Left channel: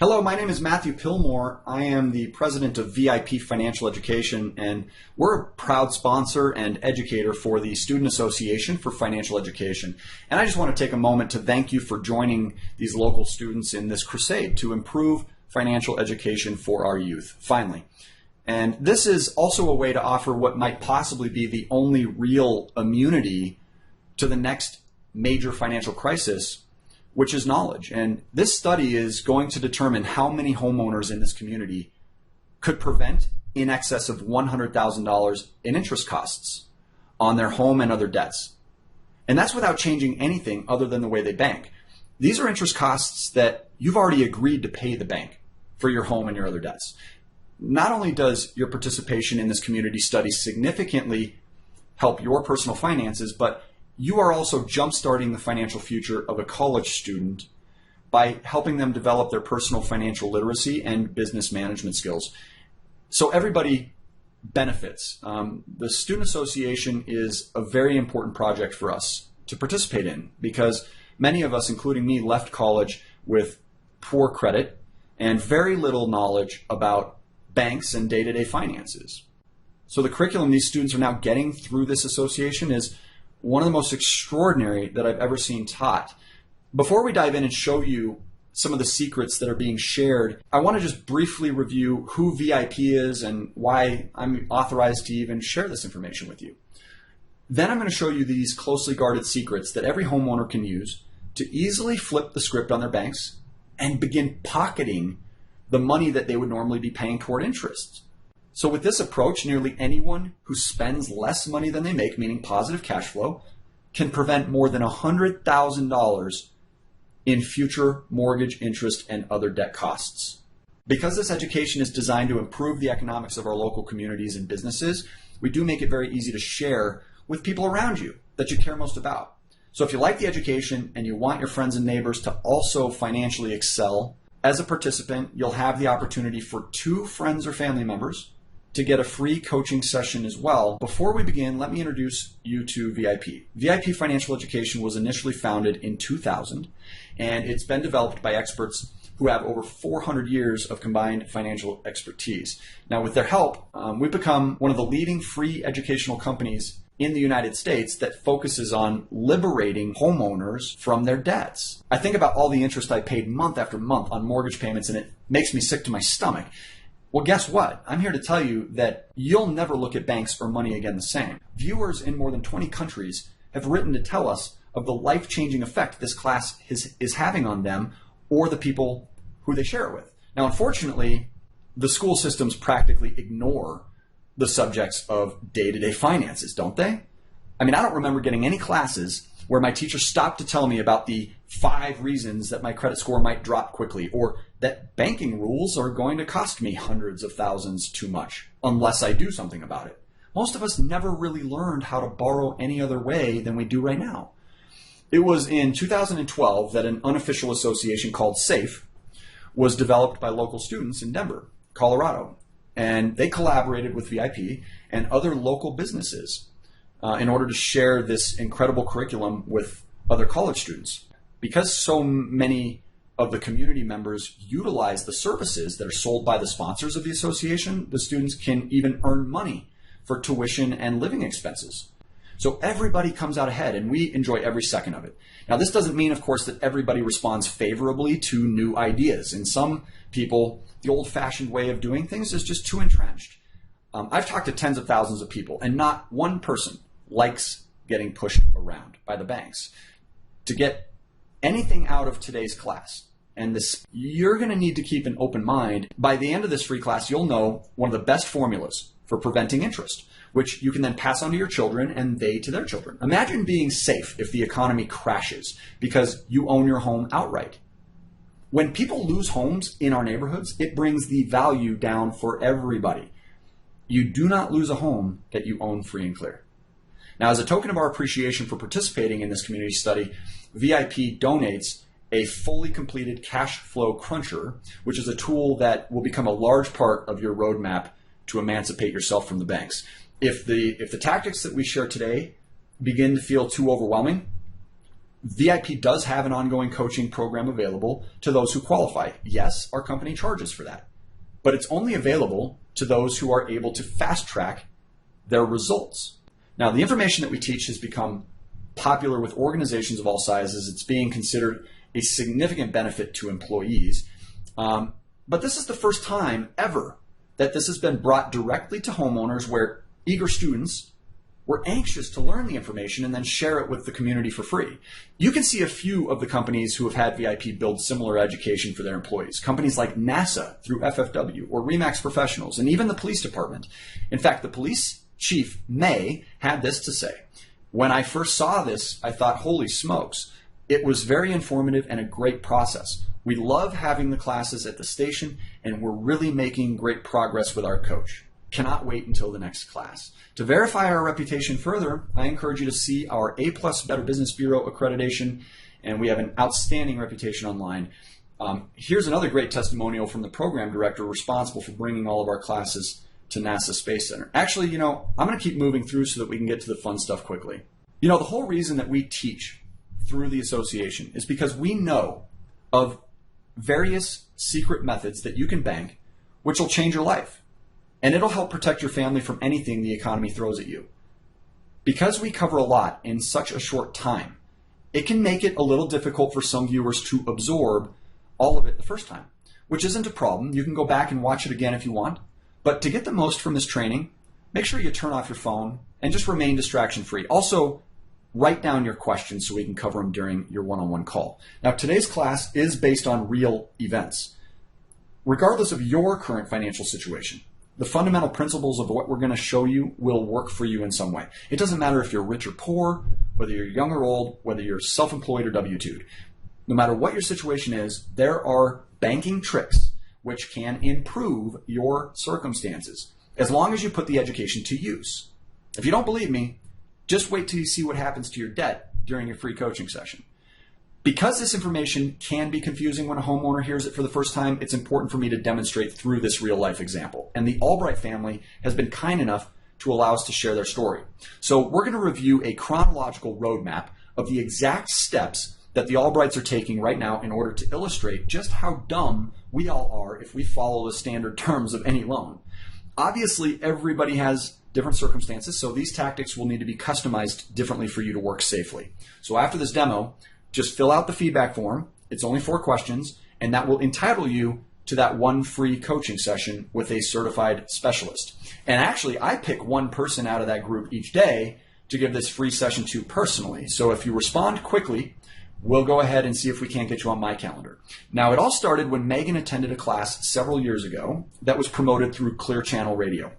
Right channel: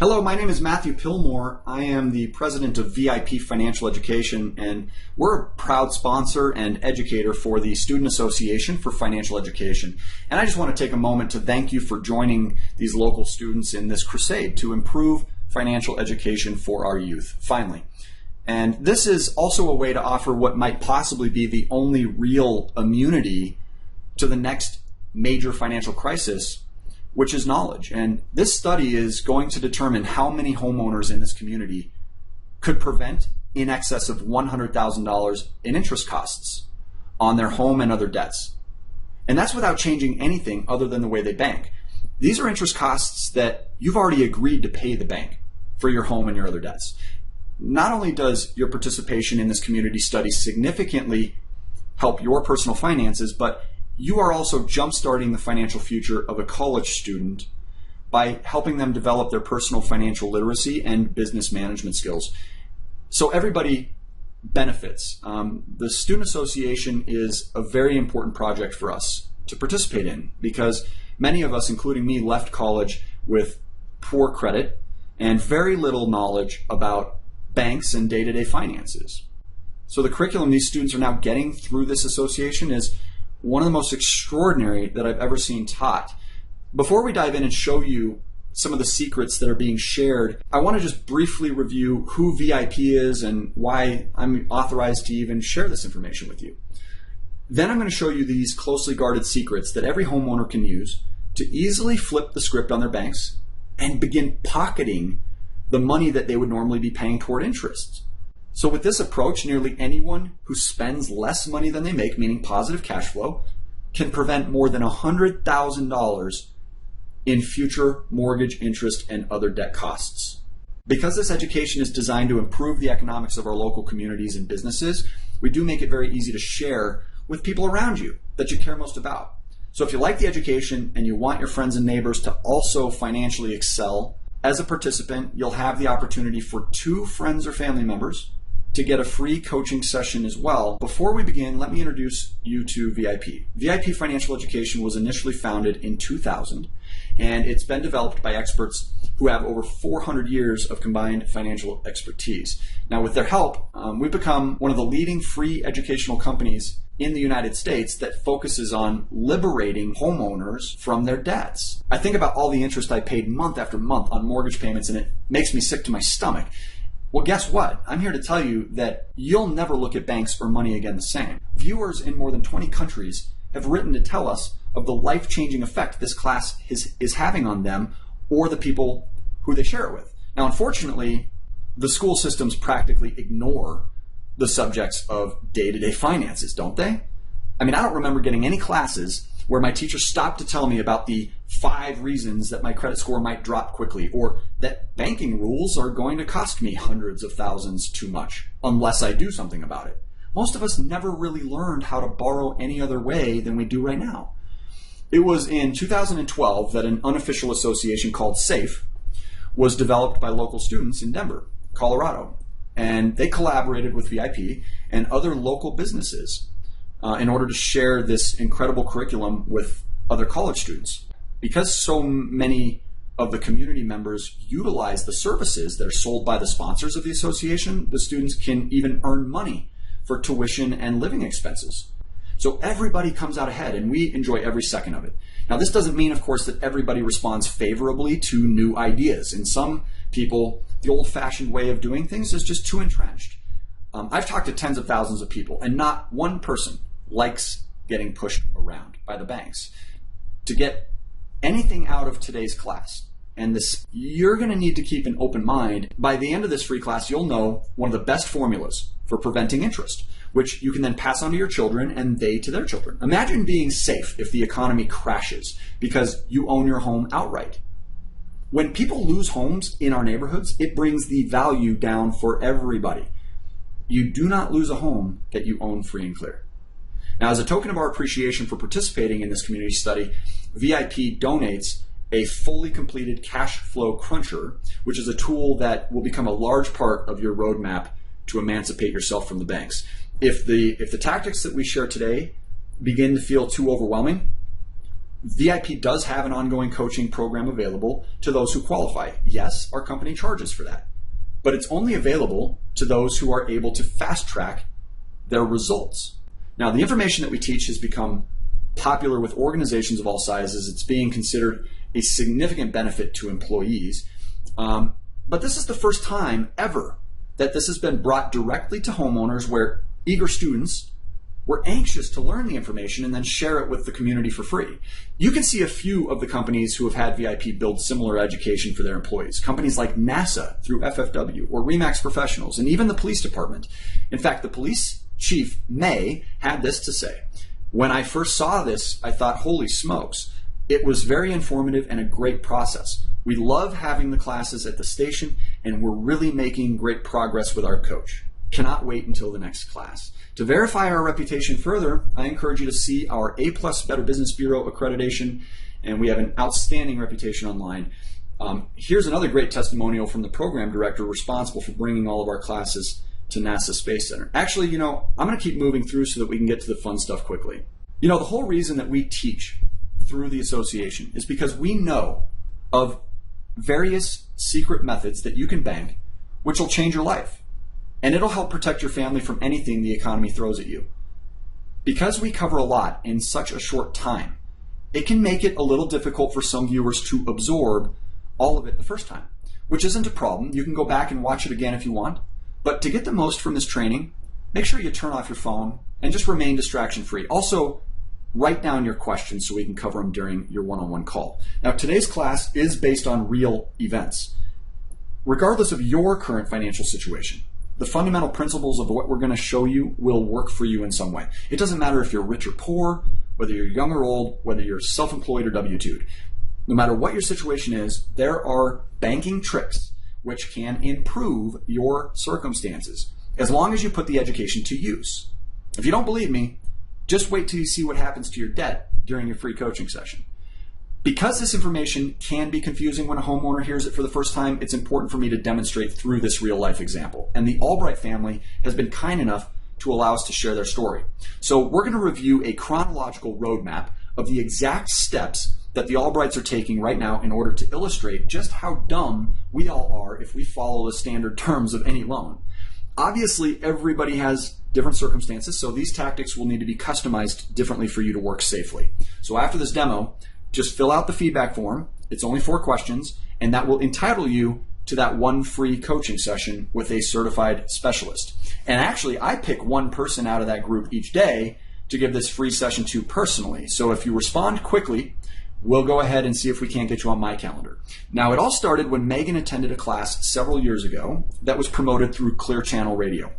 Hello, my name is Matthew Pillmore. I am the president of VIP Financial Education, and we're a proud sponsor and educator for the Student Association for Financial Education. And I just want to take a moment to thank you for joining these local students in this crusade to improve financial education for our youth, finally. And this is also a way to offer what might possibly be the only real immunity to the next major financial crisis, which is knowledge. And this study is going to determine how many homeowners in this community could prevent in excess of $100,000 in interest costs on their home and other debts. And that's without changing anything other than the way they bank. These are interest costs that you've already agreed to pay the bank for your home and your other debts. Not only does your participation in this community study significantly help your personal finances, but you are also jumpstarting the financial future of a college student by helping them develop their personal financial literacy and business management skills. So everybody benefits. The Student Association is a very important project for us to participate in because many of us, including me, left college with poor credit and very little knowledge about banks and day-to-day finances. So the curriculum these students are now getting through this association is one of the most extraordinary that I've ever seen taught. Before we dive in and show you some of the secrets that are being shared, I want to just briefly review who VIP is and why I'm authorized to even share this information with you. Then I'm going to show you these closely guarded secrets that every homeowner can use to easily flip the script on their banks and begin pocketing the money that they would normally be paying toward interest. So with this approach, nearly anyone who spends less money than they make, meaning positive cash flow, can prevent more than $100,000 in future mortgage interest and other debt costs. Because this education is designed to improve the economics of our local communities and businesses, we do make it very easy to share with people around you that you care most about. So if you like the education and you want your friends and neighbors to also financially excel, as a participant, you'll have the opportunity for 2 friends or family members to get a free coaching session as well. Before we begin, let me introduce you to VIP. VIP Financial Education was initially founded in 2000, and it's been developed by experts who have over 400 years of combined financial expertise. Now, with their help, we've become one of the leading free educational companies in the United States that focuses on liberating homeowners from their debts. I think about all the interest I paid month after month on mortgage payments, and it makes me sick to my stomach. Well, guess what? I'm here to tell you that you'll never look at banks or money again the same. Viewers in more than 20 countries have written to tell us of the life-changing effect this class is having on them or the people who they share it with. Now, unfortunately, the school systems practically ignore the subjects of day-to-day finances, don't they? I mean, I don't remember getting any classes where my teacher stopped to tell me about the 5 reasons that my credit score might drop quickly, or that banking rules are going to cost me hundreds of thousands too much unless I do something about it. Most of us never really learned how to borrow any other way than we do right now. It was in 2012 that an unofficial association called SAFE was developed by local students in Denver, Colorado, and they collaborated with VIP and other local businesses in order to share this incredible curriculum with other college students. Because so many of the community members utilize the services that are sold by the sponsors of the association, the students can even earn money for tuition and living expenses. So everybody comes out ahead, and we enjoy every second of it. Now, this doesn't mean, of course, that everybody responds favorably to new ideas. In some people, the old-fashioned way of doing things is just too entrenched. I've talked to tens of thousands of people, and not one person likes getting pushed around by the banks. To get anything out of today's class, and this, you're going to need to keep an open mind. By the end of this free class, you'll know one of the best formulas for preventing interest, which you can then pass on to your children and they to their children. Imagine being safe if the economy crashes because you own your home outright. When people lose homes in our neighborhoods, it brings the value down for everybody. You do not lose a home that you own free and clear. Now, as a token of our appreciation for participating in this community study, VIP donates a fully completed cash flow cruncher, which is a tool that will become a large part of your roadmap to emancipate yourself from the banks. If the tactics that we share today begin to feel too overwhelming, VIP does have an ongoing coaching program available to those who qualify. Yes, our company charges for that, but it's only available to those who are able to fast track their results. Now, the information that we teach has become popular with organizations of all sizes. It's being considered a significant benefit to employees. But this is the first time ever that this has been brought directly to homeowners, where eager students were anxious to learn the information and then share it with the community for free. You can see a few of the companies who have had VIP build similar education for their employees. Companies like NASA through FFW, or Remax Professionals, and even the police department. In fact, the police chief, May, had this to say. When I first saw this, I thought, holy smokes, it was very informative and a great process. We love having the classes at the station, and we're really making great progress with our coach. Cannot wait until the next class. To verify our reputation further, I encourage you to see our A+ Better Business Bureau accreditation, and we have an outstanding reputation online. Here's another great testimonial from the program director responsible for bringing all of our classes to NASA Space Center. Actually, I'm going to keep moving through so that we can get to the fun stuff quickly. The whole reason that we teach through the association is because we know of various secret methods that you can bank, which will change your life. And it'll help protect your family from anything the economy throws at you. Because we cover a lot in such a short time, it can make it a little difficult for some viewers to absorb all of it the first time, which isn't a problem. You can go back and watch it again if you want. But to get the most from this training, make sure you turn off your phone and just remain distraction-free. Also, write down your questions so we can cover them during your one-on-one call. Now, today's class is based on real events. Regardless of your current financial situation, the fundamental principles of what we're going to show you will work for you in some way. It doesn't matter if you're rich or poor, whether you're young or old, whether you're self-employed or W-2'd. No matter what your situation is, there are banking tricks which can improve your circumstances, as long as you put the education to use. If you don't believe me, just wait till you see what happens to your debt during your free coaching session. Because this information can be confusing when a homeowner hears it for the first time, it's important for me to demonstrate through this real-life example. And the Albright family has been kind enough to allow us to share their story. So we're going to review a chronological roadmap of the exact steps that the Albrights are taking right now in order to illustrate just how dumb we all are if we follow the standard terms of any loan. Obviously, everybody has different circumstances, so these tactics will need to be customized differently for you to work safely. So after this demo, just fill out the feedback form. It's only 4 questions, and that will entitle you to that one free coaching session with a certified specialist. And actually, I pick one person out of that group each day to give this free session to personally. So if you respond quickly, we'll go ahead and see if we can't get you on my calendar. Now, it all started when Megan attended a class several years ago that was promoted through Clear Channel Radio.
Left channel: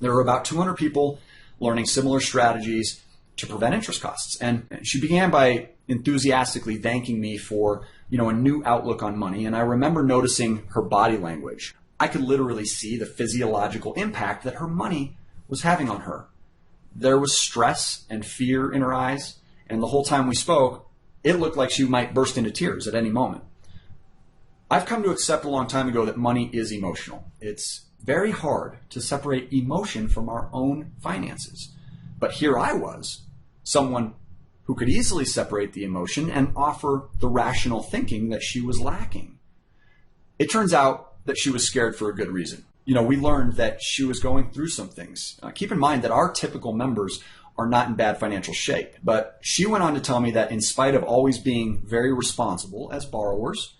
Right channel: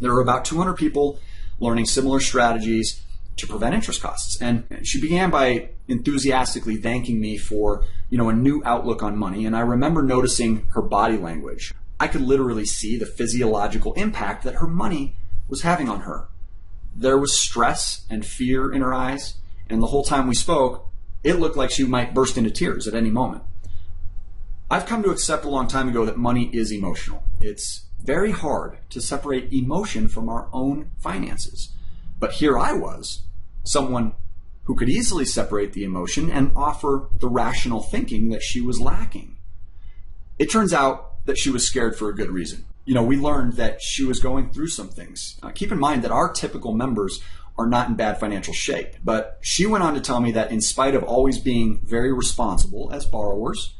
There were about 200 people learning similar strategies to prevent interest costs. And she began by enthusiastically thanking me for, a new outlook on money. And I remember noticing her body language. I could literally see the physiological impact that her money was having on her. There was stress and fear in her eyes. And the whole time we spoke, it looked like she might burst into tears at any moment. I've come to accept a long time ago that money is emotional. It's very hard to separate emotion from our own finances. But here I was, someone who could easily separate the emotion and offer the rational thinking that she was lacking. It turns out that she was scared for a good reason. We learned that she was going through some things. Keep in mind that our typical members are not in bad financial shape, but she went on to tell me that in spite of always being very responsible as borrowers,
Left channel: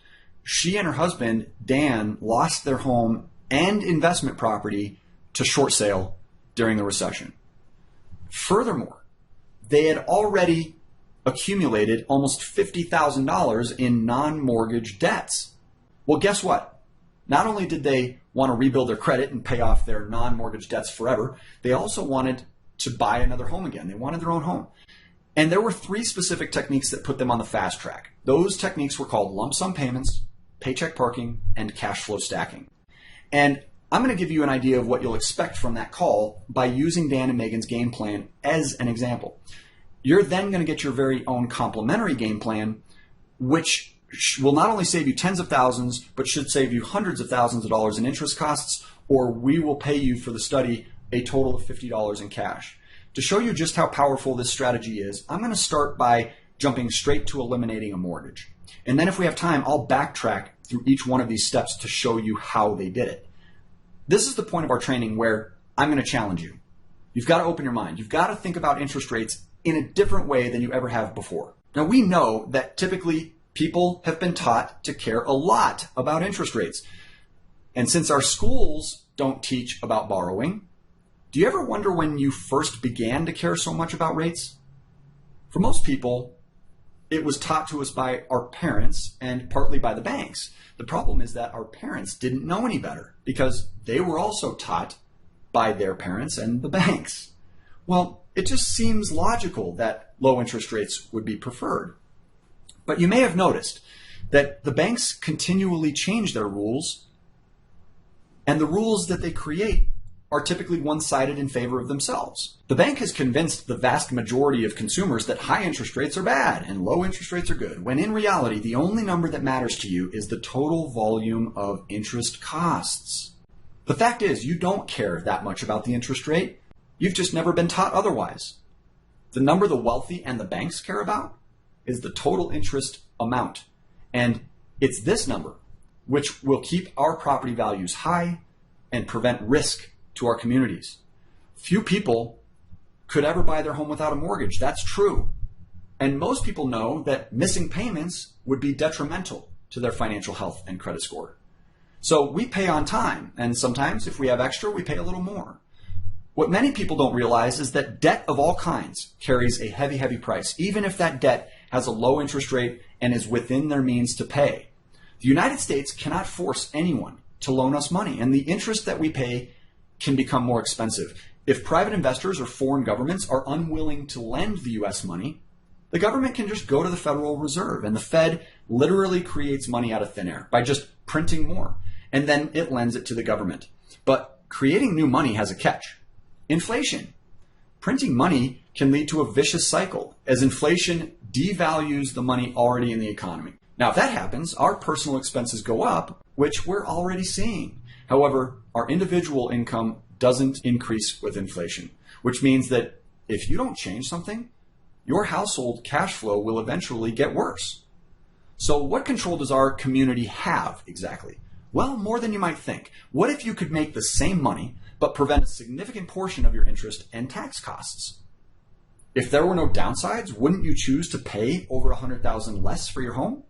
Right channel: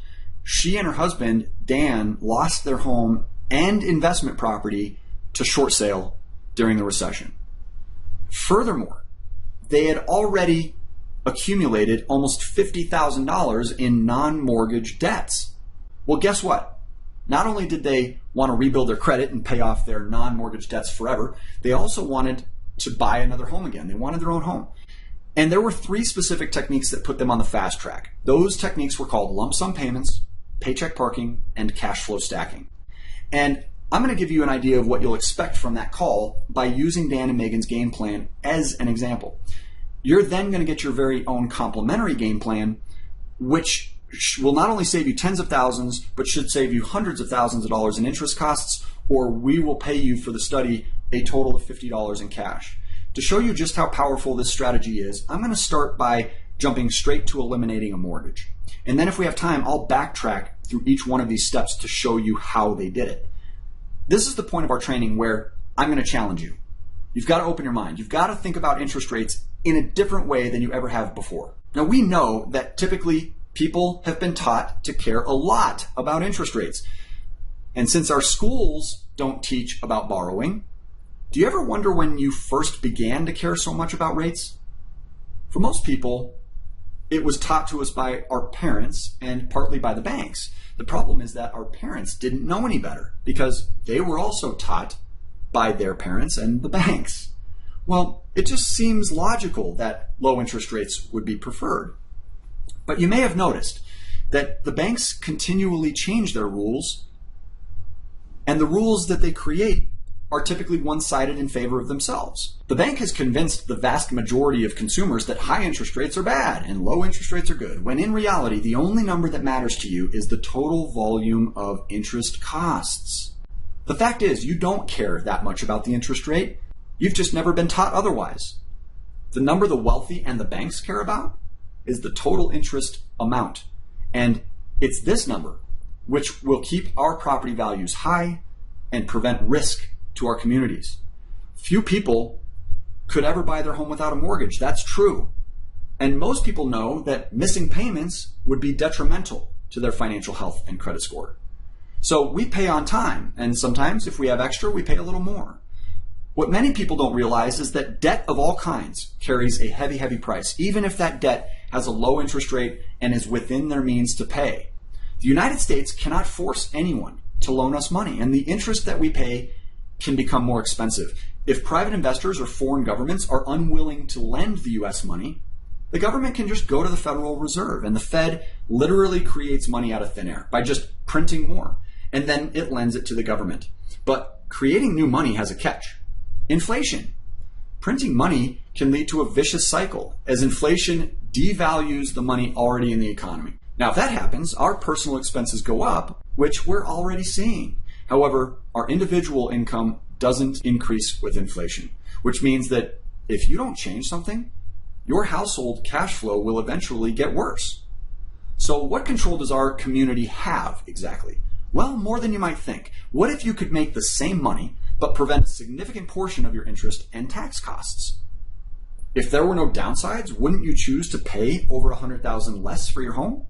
she and her husband, Dan, lost their home and investment property to short sale during the recession. Furthermore, they had already accumulated almost $50,000 in non-mortgage debts. Well, guess what? Not only did they want to rebuild their credit and pay off their non-mortgage debts forever, they also wanted to buy another home again. They wanted their own home. And there were 3 specific techniques that put them on the fast track. Those techniques were called lump sum payments, paycheck parking, and cash flow stacking. And I'm going to give you an idea of what you'll expect from that call by using Dan and Megan's game plan as an example. You're then going to get your very own complimentary game plan, which will not only save you tens of thousands, but should save you hundreds of thousands of dollars in interest costs, or we will pay you for the study a total of $50 in cash. To show you just how powerful this strategy is, I'm going to start by jumping straight to eliminating a mortgage. And then if we have time, I'll backtrack through each one of these steps to show you how they did it. This is the point of our training where I'm going to challenge you. You've got to open your mind. You've got to think about interest rates in a different way than you ever have before. Now, we know that typically people have been taught to care a lot about interest rates. And since our schools don't teach about borrowing, do you ever wonder when you first began to care so much about rates? For most people, it was taught to us by our parents and partly by the banks. The problem is that our parents didn't know any better because they were also taught by their parents and the banks. Well, it just seems logical that low interest rates would be preferred. But you may have noticed that the banks continually change their rules, and the rules that they create are typically one-sided in favor of themselves. The bank has convinced the vast majority of consumers that high interest rates are bad and low interest rates are good, when in reality, the only number that matters to you is the total volume of interest costs. The fact is, you don't care that much about the interest rate. You've just never been taught otherwise. The number the wealthy and the banks care about is the total interest amount. And it's this number which will keep our property values high and prevent risk to our communities. Few people could ever buy their home without a mortgage. That's true. And most people know that missing payments would be detrimental to their financial health and credit score. So we pay on time, and sometimes if we have extra, we pay a little more. What many people don't realize is that debt of all kinds carries a heavy, heavy price, even if that debt has a low interest rate and is within their means to pay. The United States cannot force anyone to loan us money, and the interest that we pay can become more expensive. If private investors or foreign governments are unwilling to lend the U.S. money, the government can just go to the Federal Reserve, and the Fed literally creates money out of thin air by just printing more, and then it lends it to the government. But creating new money has a catch. Inflation. Printing money can lead to a vicious cycle as inflation devalues the money already in the economy. Now, if that happens, our personal expenses go up, which we're already seeing. However, our individual income doesn't increase with inflation, which means that if you don't change something, your household cash flow will eventually get worse. So what control does our community have exactly? Well, more than you might think. What if you could make the same money but prevent a significant portion of your interest and tax costs? If there were no downsides, wouldn't you choose to pay over $100,000 less for your home?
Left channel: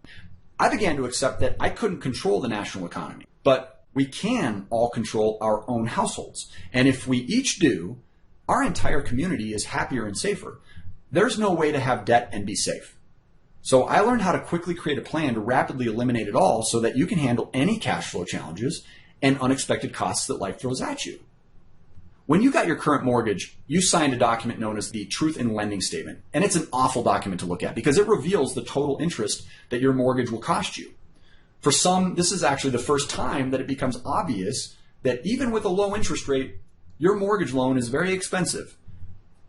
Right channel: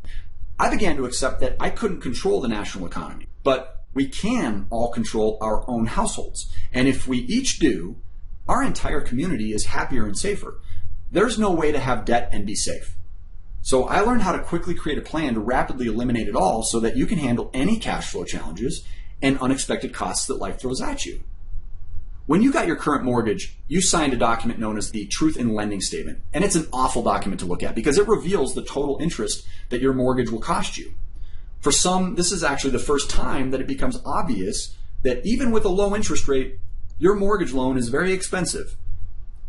I began to accept that I couldn't control the national economy, but we can all control our own households. And if we each do, our entire community is happier and safer. There's no way to have debt and be safe. So I learned how to quickly create a plan to rapidly eliminate it all so that you can handle any cash flow challenges and unexpected costs that life throws at you. When you got your current mortgage, you signed a document known as the Truth in Lending Statement. And it's an awful document to look at because it reveals the total interest that your mortgage will cost you. For some, this is actually the first time that it becomes obvious that even with a low interest rate, your mortgage loan is very expensive.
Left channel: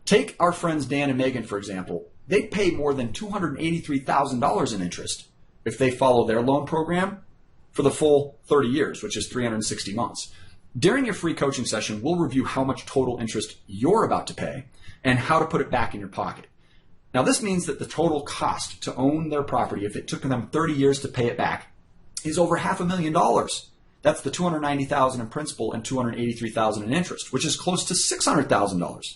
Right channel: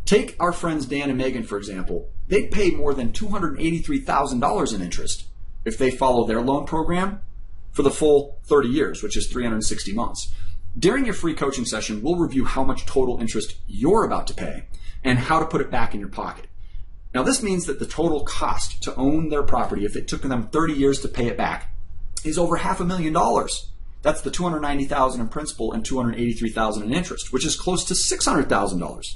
Take our friends Dan and Megan, for example. They pay more than $283,000 in interest if they follow their loan program for the full 30 years, which is 360 months. During your free coaching session, we'll review how much total interest you're about to pay and how to put it back in your pocket. Now, this means that the total cost to own their property, if it took them 30 years to pay it back, is over $500,000. That's the $290,000 in principal and $283,000 in interest, which is close to $600,000.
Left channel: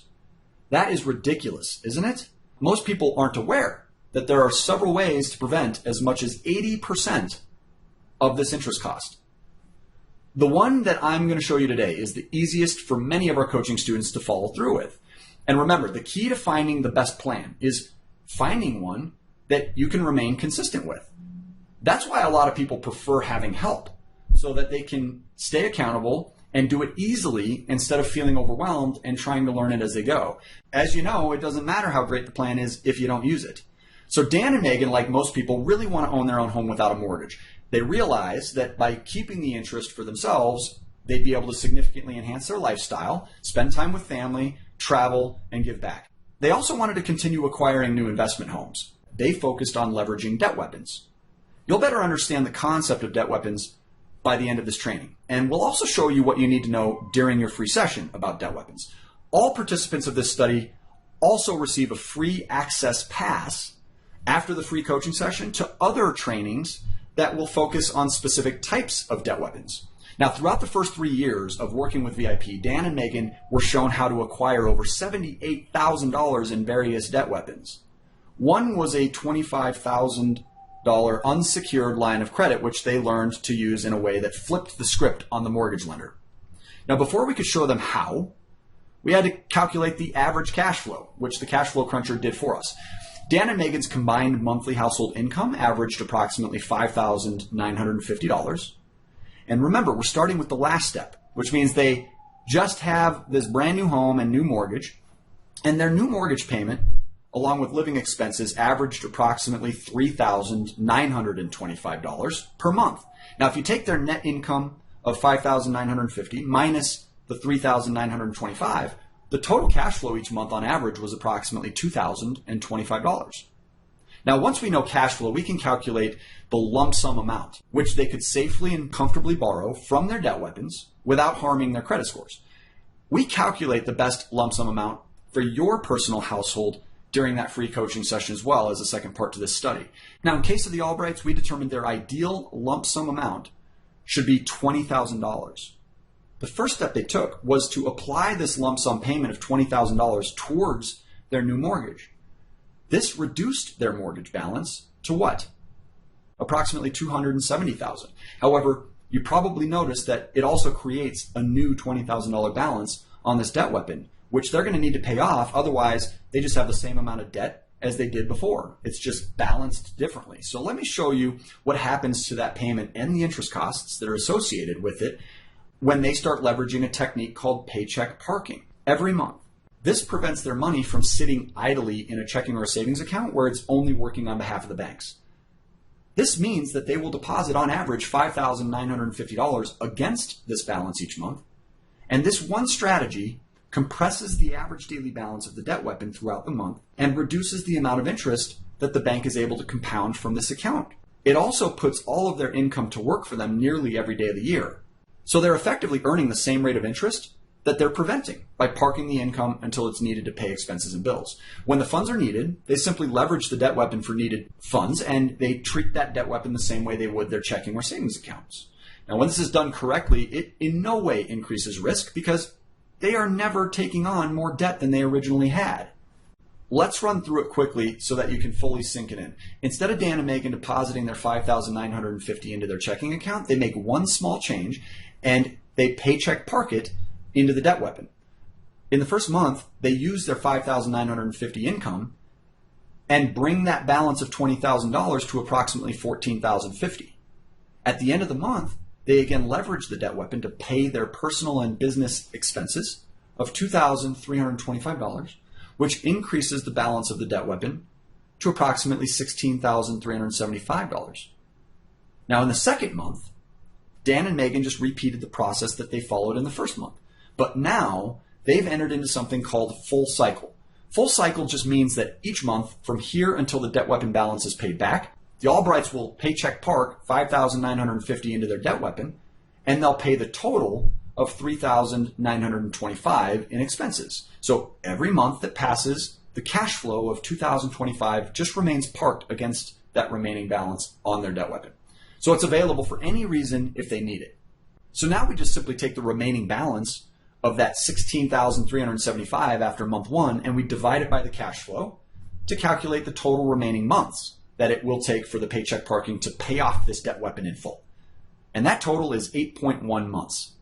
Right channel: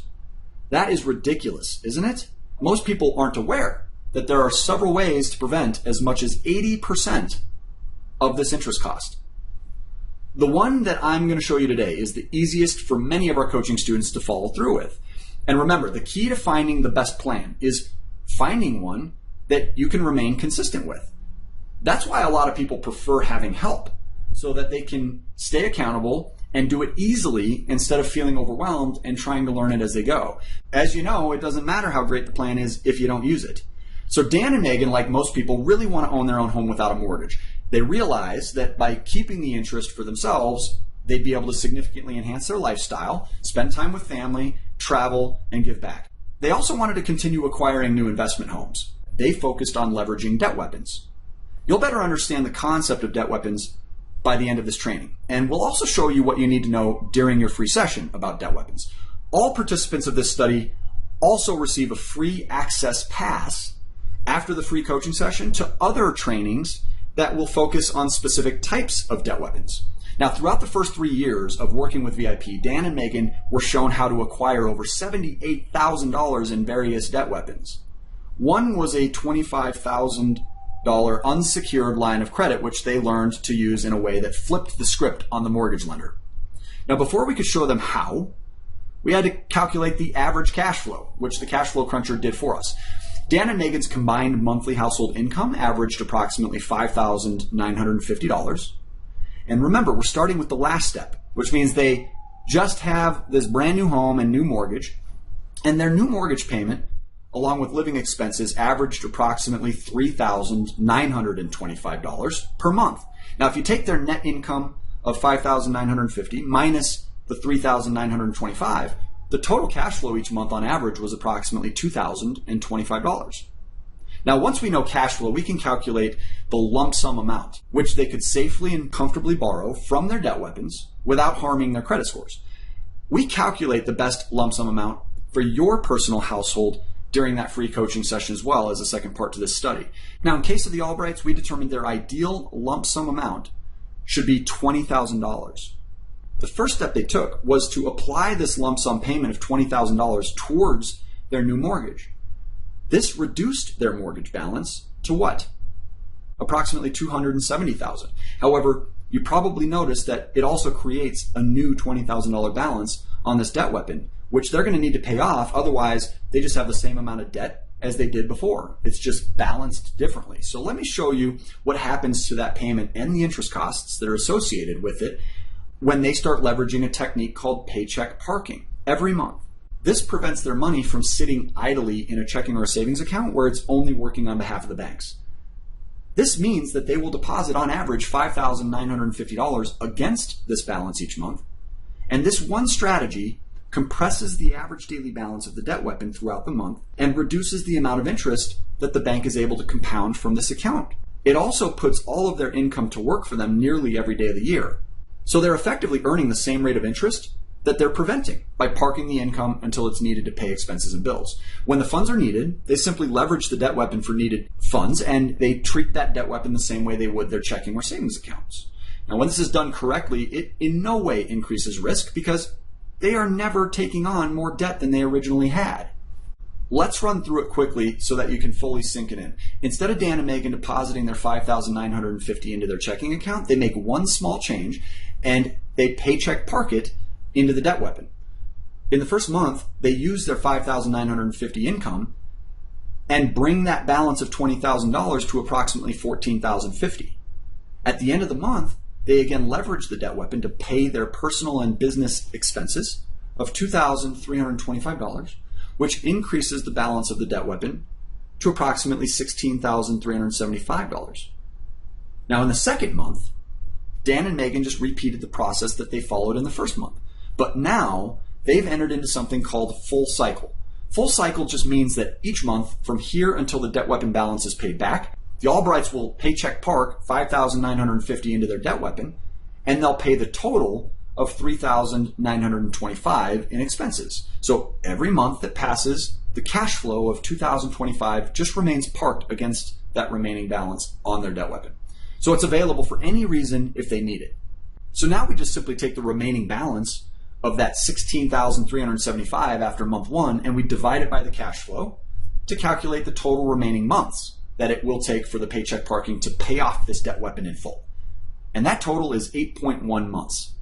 That is ridiculous, isn't it? Most people aren't aware that there are several ways to prevent as much as 80% of this interest cost. The one that I'm going to show you today is the easiest for many of our coaching students to follow through with. And remember, the key to finding the best plan is finding one that you can remain consistent with. That's why a lot of people prefer having help, so that they can stay accountable and do it easily instead of feeling overwhelmed and trying to learn it as they go. As you know, it doesn't matter how great the plan is if you don't use it. So Dan and Megan, like most people, really want to own their own home without a mortgage. They realize that by keeping the interest for themselves, they'd be able to significantly enhance their lifestyle, spend time with family, travel, and give back. They also wanted to continue acquiring new investment homes. They focused on leveraging debt weapons. You'll better understand the concept of debt weapons by the end of this training. And we'll also show you what you need to know during your free session about debt weapons. All participants of this study also receive a free access pass after the free coaching session to other trainings that will focus on specific types of debt weapons. Now, throughout the first 3 years of working with VIP, Dan and Megan were shown how to acquire over $78,000 in various debt weapons. One was a $25,000 unsecured line of credit, which they learned to use in a way that flipped the script on the mortgage lender. Now, before we could show them how, we had to calculate the average cash flow, which the cash flow cruncher did for us. Dan and Megan's combined monthly household income averaged approximately $5,950. And remember, we're starting with the last step, which means they just have this brand new home and new mortgage, and their new mortgage payment, along with living expenses, averaged approximately $3,925 per month. Now, if you take their net income of $5,950 minus the $3,925, the total cash flow each month on average was approximately $2,025. Now, once we know cash flow, we can calculate the lump sum amount, which they could safely and comfortably borrow from their debt weapons without harming their credit scores. We calculate the best lump sum amount for your personal household during that free coaching session as well as a second part to this study. Now, in case of the Albrights, we determined their ideal lump sum amount should be $20,000. The first step they took was to apply this lump sum payment of $20,000 towards their new mortgage. This reduced their mortgage balance to what? Approximately $270,000. However, you probably noticed that it also creates a new $20,000 balance on this debt weapon, which they're going to need to pay off. Otherwise, they just have the same amount of debt as they did before. It's just balanced differently. So let me show you what happens to that payment and the interest costs that are associated with it when they start leveraging a technique called paycheck parking every month. This prevents their money from sitting idly in a checking or a savings account where it's only working on behalf of the banks. This means that they will deposit on average $5,950 against this balance each month. And this one strategy compresses the average daily balance of the debt weapon throughout the month and reduces the amount of interest that the bank is able to compound from this account. It also puts all of their income to work for them nearly every day of the year. So they're effectively earning the same rate of interest that they're preventing by parking the income until it's needed to pay expenses and bills. When the funds are needed, they simply leverage the debt weapon for needed funds, and they treat that debt weapon the same way they would their checking or savings accounts. Now, when this is done correctly, it in no way increases risk because they are never taking on more debt than they originally had. Let's run through it quickly so that you can fully sink it in. Instead of Dan and Megan depositing their $5,950 into their checking account, they make one small change and they paycheck park it into the debt weapon. In the first month, they use their $5,950 income and bring that balance of $20,000 to approximately $14,050. At the end of the month, they again leverage the debt weapon to pay their personal and business expenses of $2,325, which increases the balance of the debt weapon to approximately $16,375. Now, in the second month, Dan and Megan just repeated the process that they followed in the first month. But now they've entered into something called full cycle. Full cycle just means that each month from here until the debt weapon balance is paid back, the Albrights will paycheck park $5,950 into their debt weapon, and they'll pay the total of $3,925 in expenses. So every month that passes, the cash flow of $2,025 just remains parked against that remaining balance on their debt weapon. So it's available for any reason if they need it. So now we just simply take the remaining balance of that $16,375 after month one, and we divide it by the cash flow to calculate the total remaining months that it will take for the paycheck parking to pay off this debt weapon in full. And that total is 8.1 months.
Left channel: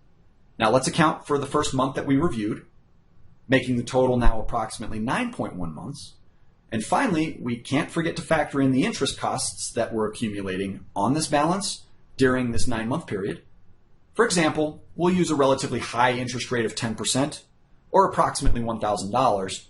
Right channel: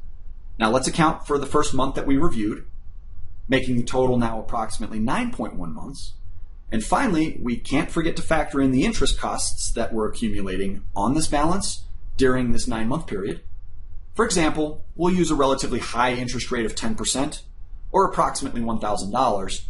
Now let's account for the first month that we reviewed, making the total now approximately 9.1 months. And finally, we can't forget to factor in the interest costs that we're accumulating on this balance during this 9-month period. For example, we'll use a relatively high interest rate of 10% or approximately $1,000.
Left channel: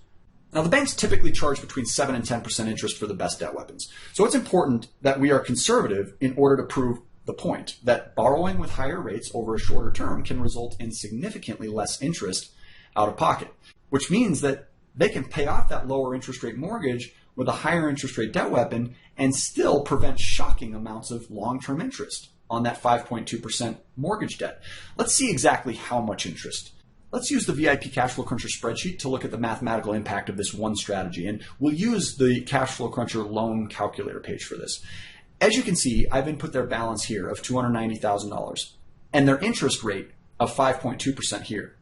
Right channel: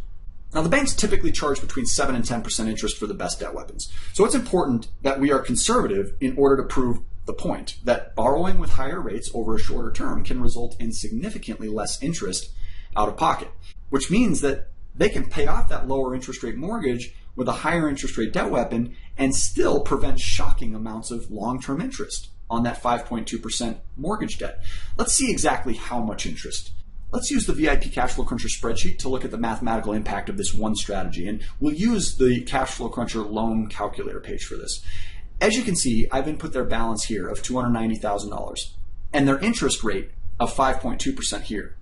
Now, the banks typically charge between 7 and 10% interest for the best debt weapons. So it's important that we are conservative in order to prove the point that borrowing with higher rates over a shorter term can result in significantly less interest out of pocket, which means that they can pay off that lower interest rate mortgage with a higher interest rate debt weapon and still prevent shocking amounts of long-term interest on that 5.2% mortgage debt. Let's see exactly how much interest. let's use the VIP Cash Flow Cruncher spreadsheet to look at the mathematical impact of this one strategy. And we'll use the Cash Flow Cruncher loan calculator page for this. As you can see, I've input their balance here of $290,000 and their interest rate of 5.2% here.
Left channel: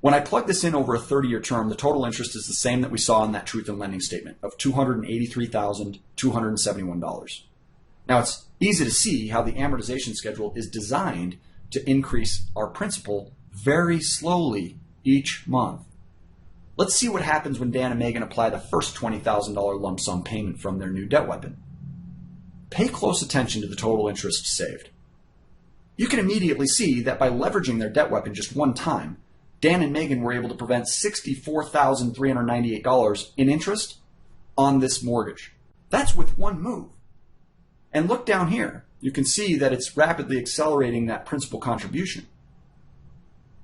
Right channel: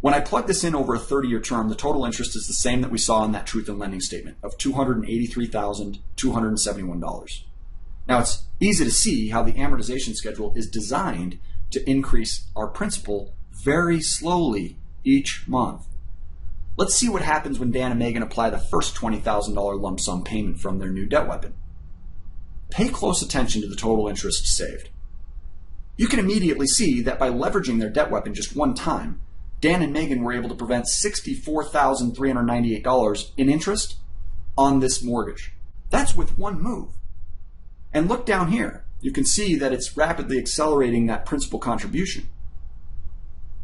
When I plug this in over a 30-year term, the total interest is the same that we saw in that truth in lending statement of $283,271. Now, it's easy to see how the amortization schedule is designed to increase our principal very slowly each month. Let's see what happens when Dan and Megan apply the first $20,000 lump sum payment from their new debt weapon. Pay close attention to the total interest saved. You can immediately see that by leveraging their debt weapon just one time, Dan and Megan were able to prevent $64,398 in interest on this mortgage. That's with one move. And look down here. You can see that it's rapidly accelerating that principal contribution.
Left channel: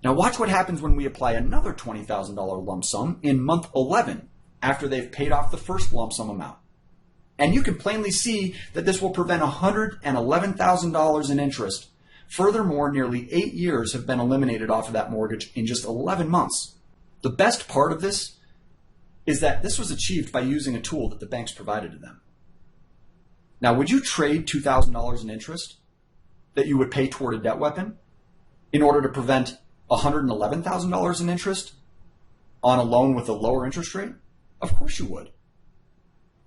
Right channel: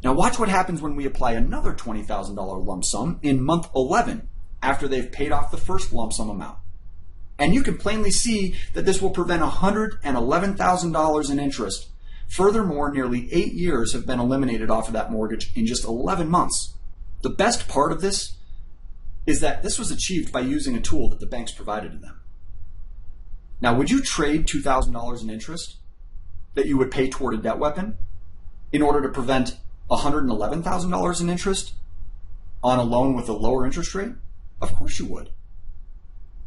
Now watch what happens when we apply another $20,000 lump sum in month 11 after they've paid off the first lump sum amount. And you can plainly see that this will prevent $111,000 in interest. Furthermore, nearly 8 years have been eliminated off of that mortgage in just 11 months. The best part of this is that this was achieved by using a tool that the banks provided to them. Now, would you trade $2,000 in interest that you would pay toward a debt weapon in order to prevent $111,000 in interest on a loan with a lower interest rate? Of course you would.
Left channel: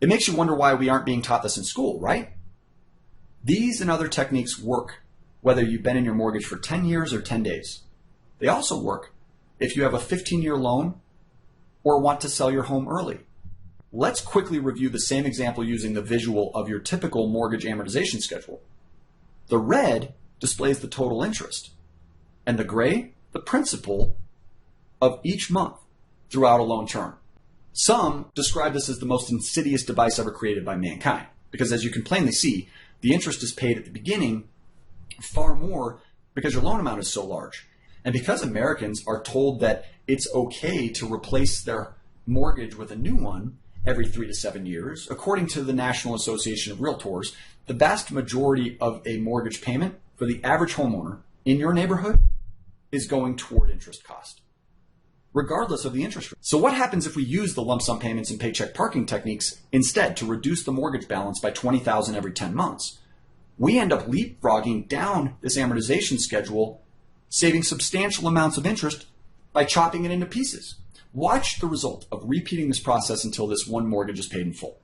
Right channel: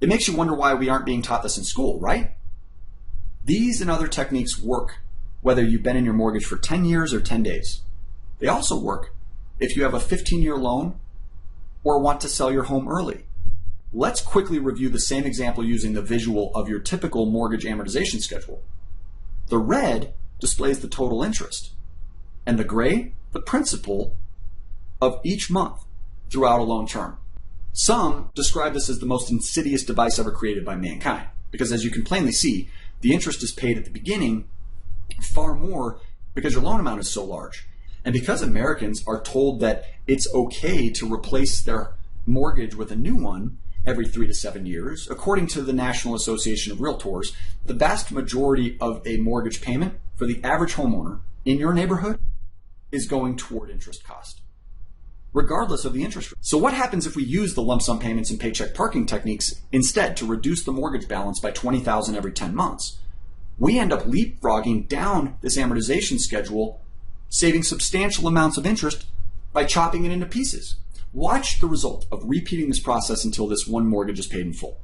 It makes you wonder why we aren't being taught this in school, right? These and other techniques work whether you've been in your mortgage for 10 years or 10 days. They also work if you have a 15-year loan or want to sell your home early. Let's quickly review the same example using the visual of your typical mortgage amortization schedule. The red displays the total interest, and the gray, the principal of each month throughout a loan term. Some describe this as the most insidious device ever created by mankind, because as you can plainly see, the interest is paid at the beginning far more because your loan amount is so large. And because Americans are told that it's okay to replace their mortgage with a new one every 3 to 7 years, according to the National Association of Realtors, the vast majority of a mortgage payment for the average homeowner in your neighborhood is going toward interest cost, regardless of the interest rate. So what happens if we use the lump sum payments and paycheck parking techniques instead to reduce the mortgage balance by $20,000 every 10 months? We end up leapfrogging down this amortization schedule, saving substantial amounts of interest by chopping it into pieces. Watch the result of repeating this process until this one mortgage is paid in full.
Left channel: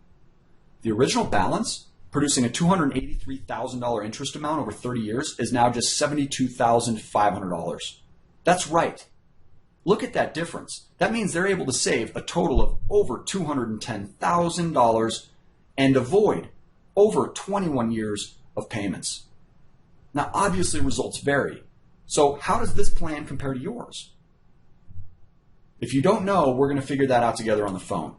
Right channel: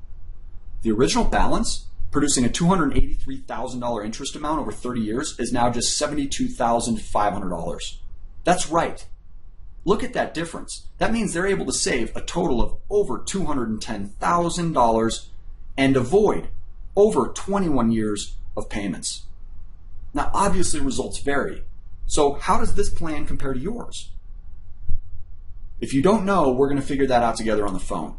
The original balance, producing a $283,000 interest amount over 30 years, is now just $72,500. That's right. Look at that difference. That means they're able to save a total of over $210,000 and avoid over 21 years of payments. Now, obviously, results vary. So how does this plan compare to yours? If you don't know, we're going to figure that out together on the phone.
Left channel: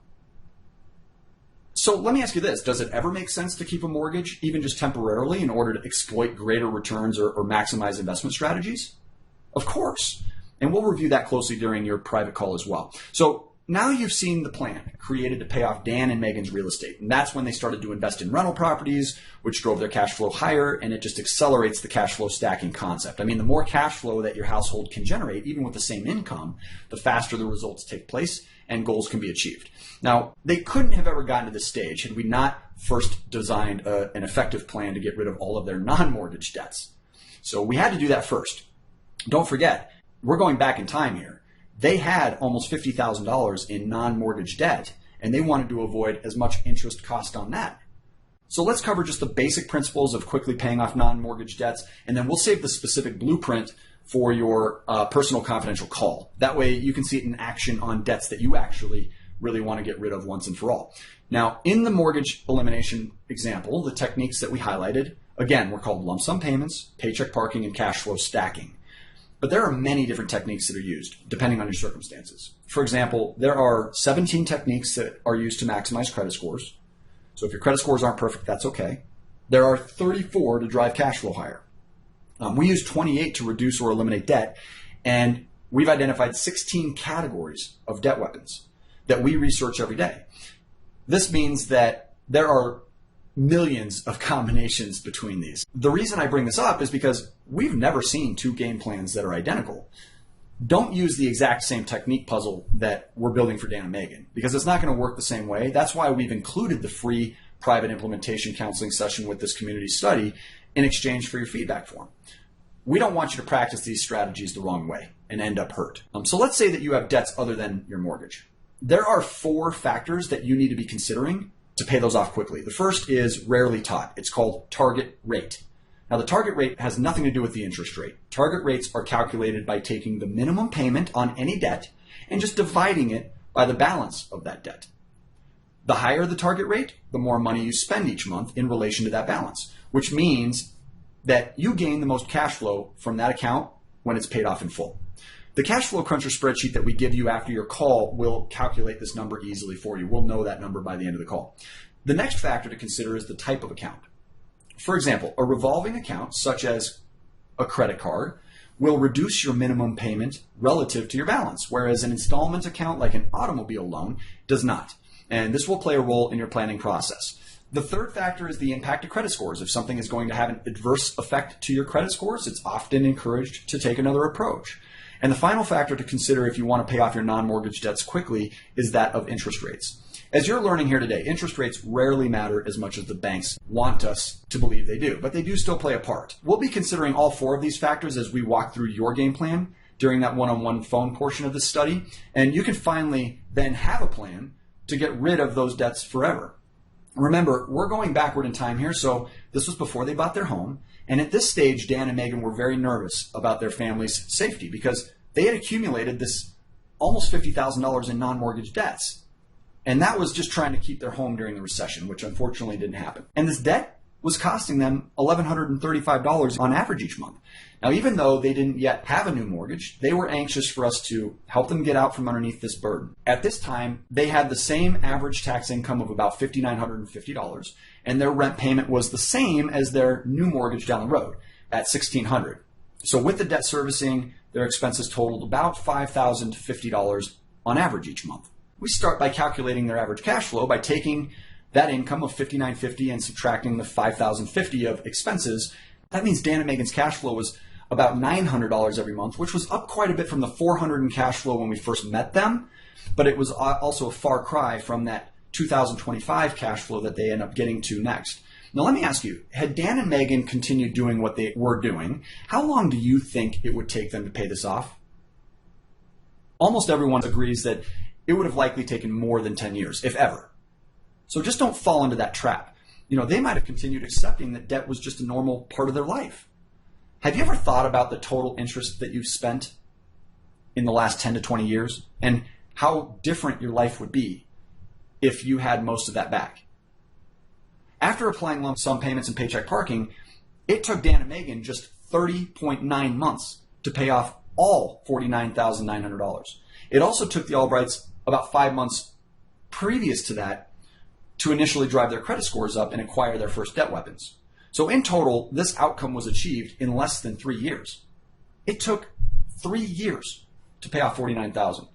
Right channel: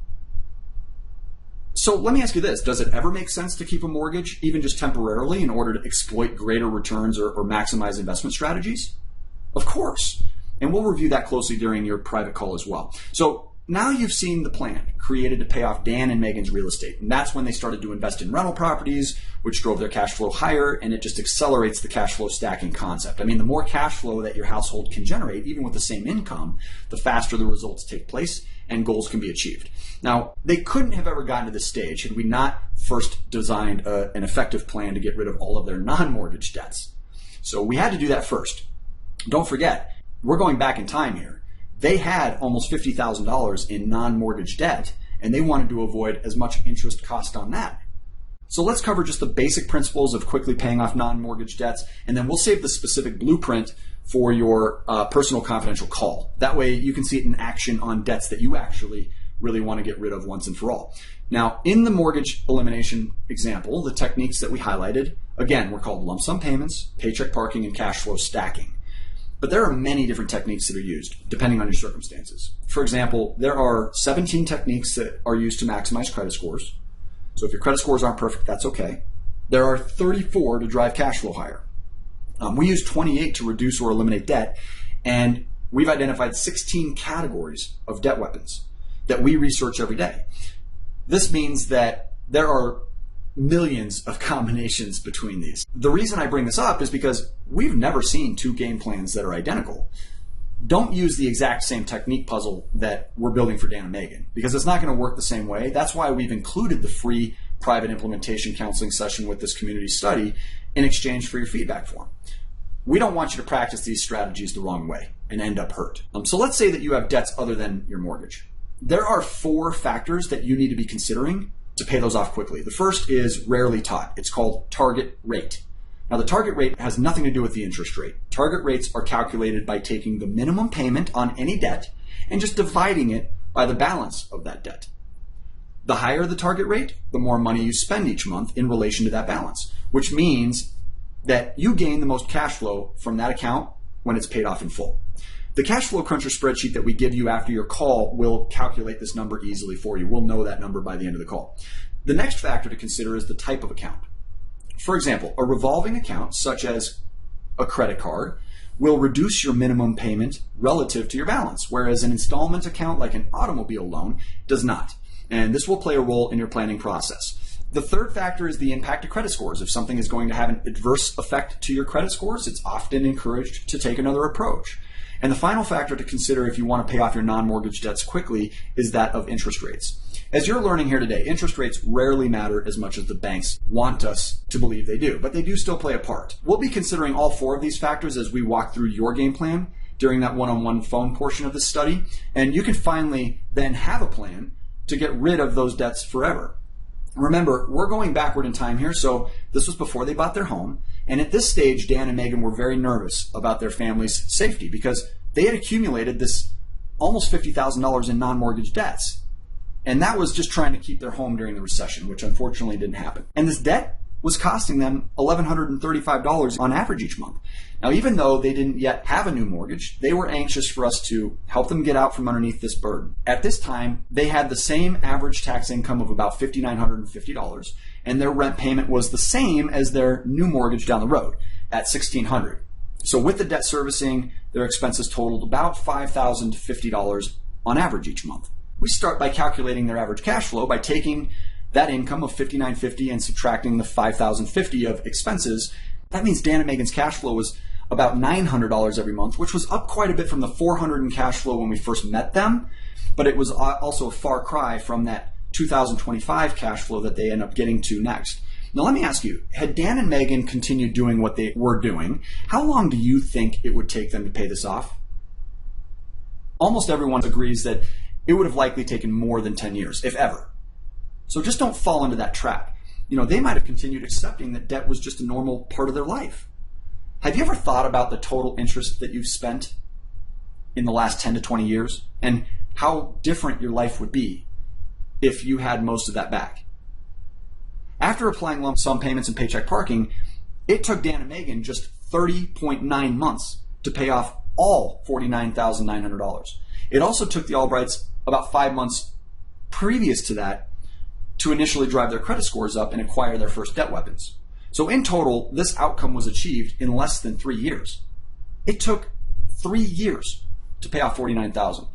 So let me ask you this. Does it ever make sense to keep a mortgage, even just temporarily, in order to exploit greater returns or maximize investment strategies? Of course. And we'll review that closely during your private call as well. So now you've seen the plan created to pay off Dan and Megan's real estate. And that's when they started to invest in rental properties, which drove their cash flow higher, and it just accelerates the cash flow stacking concept. I mean, the more cash flow that your household can generate, even with the same income, the faster the results take place and goals can be achieved. Now, they couldn't have ever gotten to this stage had we not first designed an effective plan to get rid of all of their non-mortgage debts. So we had to do that first. Don't forget, we're going back in time here. They had almost $50,000 in non-mortgage debt, and they wanted to avoid as much interest cost on that. So let's cover just the basic principles of quickly paying off non-mortgage debts, and then we'll save the specific blueprint for your personal confidential call. That way you can see it in action on debts that you actually really want to get rid of once and for all. Now, in the mortgage elimination example, the techniques that we highlighted, again, were called lump sum payments, paycheck parking, and cash flow stacking. But there are many different techniques that are used depending on your circumstances. For example, there are 17 techniques that are used to maximize credit scores. So if your credit scores aren't perfect, that's okay. There are 34 to drive cash flow higher. We use 28 to reduce or eliminate debt, and we've identified 16 categories of debt weapons that we research every day. This means that there are millions of combinations between these. The reason I bring this up is because we've never seen two game plans that are identical. Don't use the exact same technique puzzle that we're building for Dan and Megan, because it's not going to work the same way. That's why we've included the free private implementation counseling session with this community study in exchange for your feedback form. We don't want you to practice these strategies the wrong way and end up hurt. So let's say that you have debts other than your mortgage. There are 4 factors that you need to be considering to pay those off quickly. The first is rarely taught. It's called target rate. Now, the target rate has nothing to do with the interest rate. Target rates are calculated by taking the minimum payment on any debt and just dividing it by the balance of that debt. The higher the target rate, the more money you spend each month in relation to that balance, which means that you gain the most cash flow from that account when it's paid off in full. The cash flow cruncher spreadsheet that we give you after your call will calculate this number easily for you. We'll know that number by the end of the call. The next factor to consider is the type of account. For example, a revolving account, such as a credit card, will reduce your minimum payment relative to your balance, whereas an installment account like an automobile loan does not. And this will play a role in your planning process. The third factor is the impact of credit scores. If something is going to have an adverse effect to your credit scores, it's often encouraged to take another approach. And the final factor to consider if you want to pay off your non-mortgage debts quickly is that of interest rates. As you're learning here today, interest rates rarely matter as much as the banks want us to believe they do, but they do still play a part. We'll be considering all 4 of these factors as we walk through your game plan during that one-on-one phone portion of this study, and you can finally then have a plan to get rid of those debts forever. Remember, we're going backward in time here, so this was before they bought their home, and at this stage, Dan and Megan were very nervous about their family's safety because they had accumulated this almost $50,000 in non-mortgage debts. And that was just trying to keep their home during the recession, which unfortunately didn't happen. And this debt was costing them $1,135 on average each month. Now, even though they didn't yet have a new mortgage, they were anxious for us to help them get out from underneath this burden. At this time, they had the same average tax income of about $5,950, and their rent payment was the same as their new mortgage down the road at $1,600. So with the debt servicing, their expenses totaled about $5,050 on average each month. We start by calculating their average cash flow by taking that income of $5,950 and subtracting the $5,050 of expenses. That means Dan and Megan's cash flow was about $900 every month, which was up quite a bit from the $400 in cash flow when we first met them, but it was also a far cry from that 2025 cash flow that they end up getting to next. Now, let me ask you, had Dan and Megan continued doing what they were doing, how long do you think it would take them to pay this off? Almost everyone agrees that it would have likely taken more than 10 years, if ever. So just don't fall into that trap. They might have continued accepting that debt was just a normal part of their life. Have you ever thought about the total interest that you've spent in the last 10 to 20 years and how different your life would be if you had most of that back? After applying lump sum payments and paycheck parking, it took Dan and Megan just 30.9 months to pay off all $49,900. It also took the Albrights about 5 months previous to that to initially drive their credit scores up and acquire their first debt weapons. So in total, this outcome was achieved in less than 3 years. It took 3 years to pay off $49,000.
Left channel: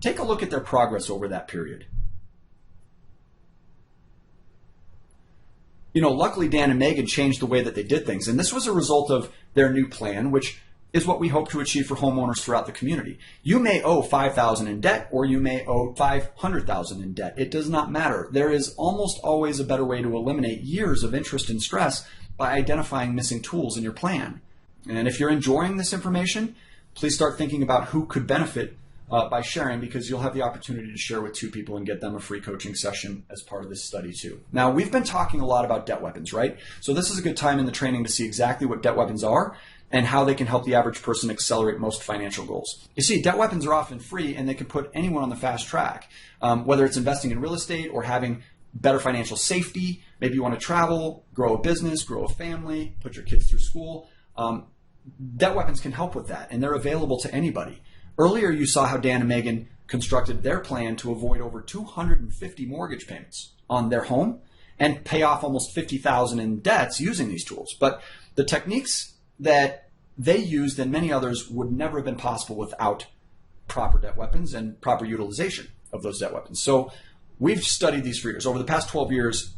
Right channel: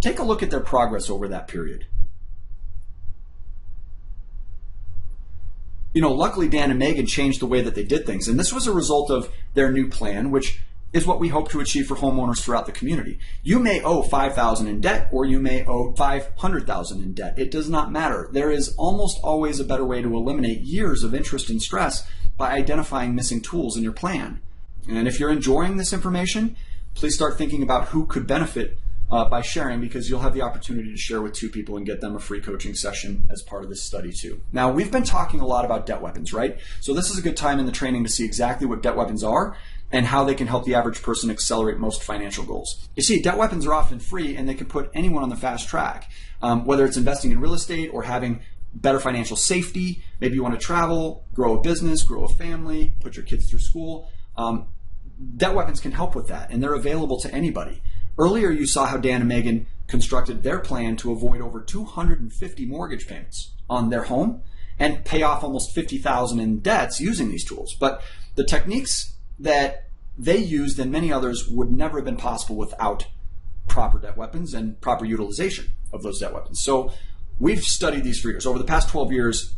Take a look at their progress over that period. Luckily Dan and Megan changed the way that they did things, and this was a result of their new plan, which is what we hope to achieve for homeowners throughout the community. You may owe $5,000 in debt, or you may owe $500,000 in debt. It does not matter. There is almost always a better way to eliminate years of interest and stress by identifying missing tools in your plan. And if you're enjoying this information, please start thinking about who could benefit by sharing, because you'll have the opportunity to share with 2 people and get them a free coaching session as part of this study too. Now, we've been talking a lot about debt weapons, right? So this is a good time in the training to see exactly what debt weapons are and how they can help the average person accelerate most financial goals. You see, debt weapons are often free and they can put anyone on the fast track, whether it's investing in real estate or having better financial safety. Maybe you want to travel, grow a business, grow a family, put your kids through school. Debt weapons can help with that, and they're available to anybody. Earlier, you saw how Dan and Megan constructed their plan to avoid over 250 mortgage payments on their home and pay off almost $50,000 in debts using these tools. But the techniques that they used and many others would never have been possible without proper debt weapons and proper utilization of those debt weapons. So we've studied these for years. Over the past 12 years,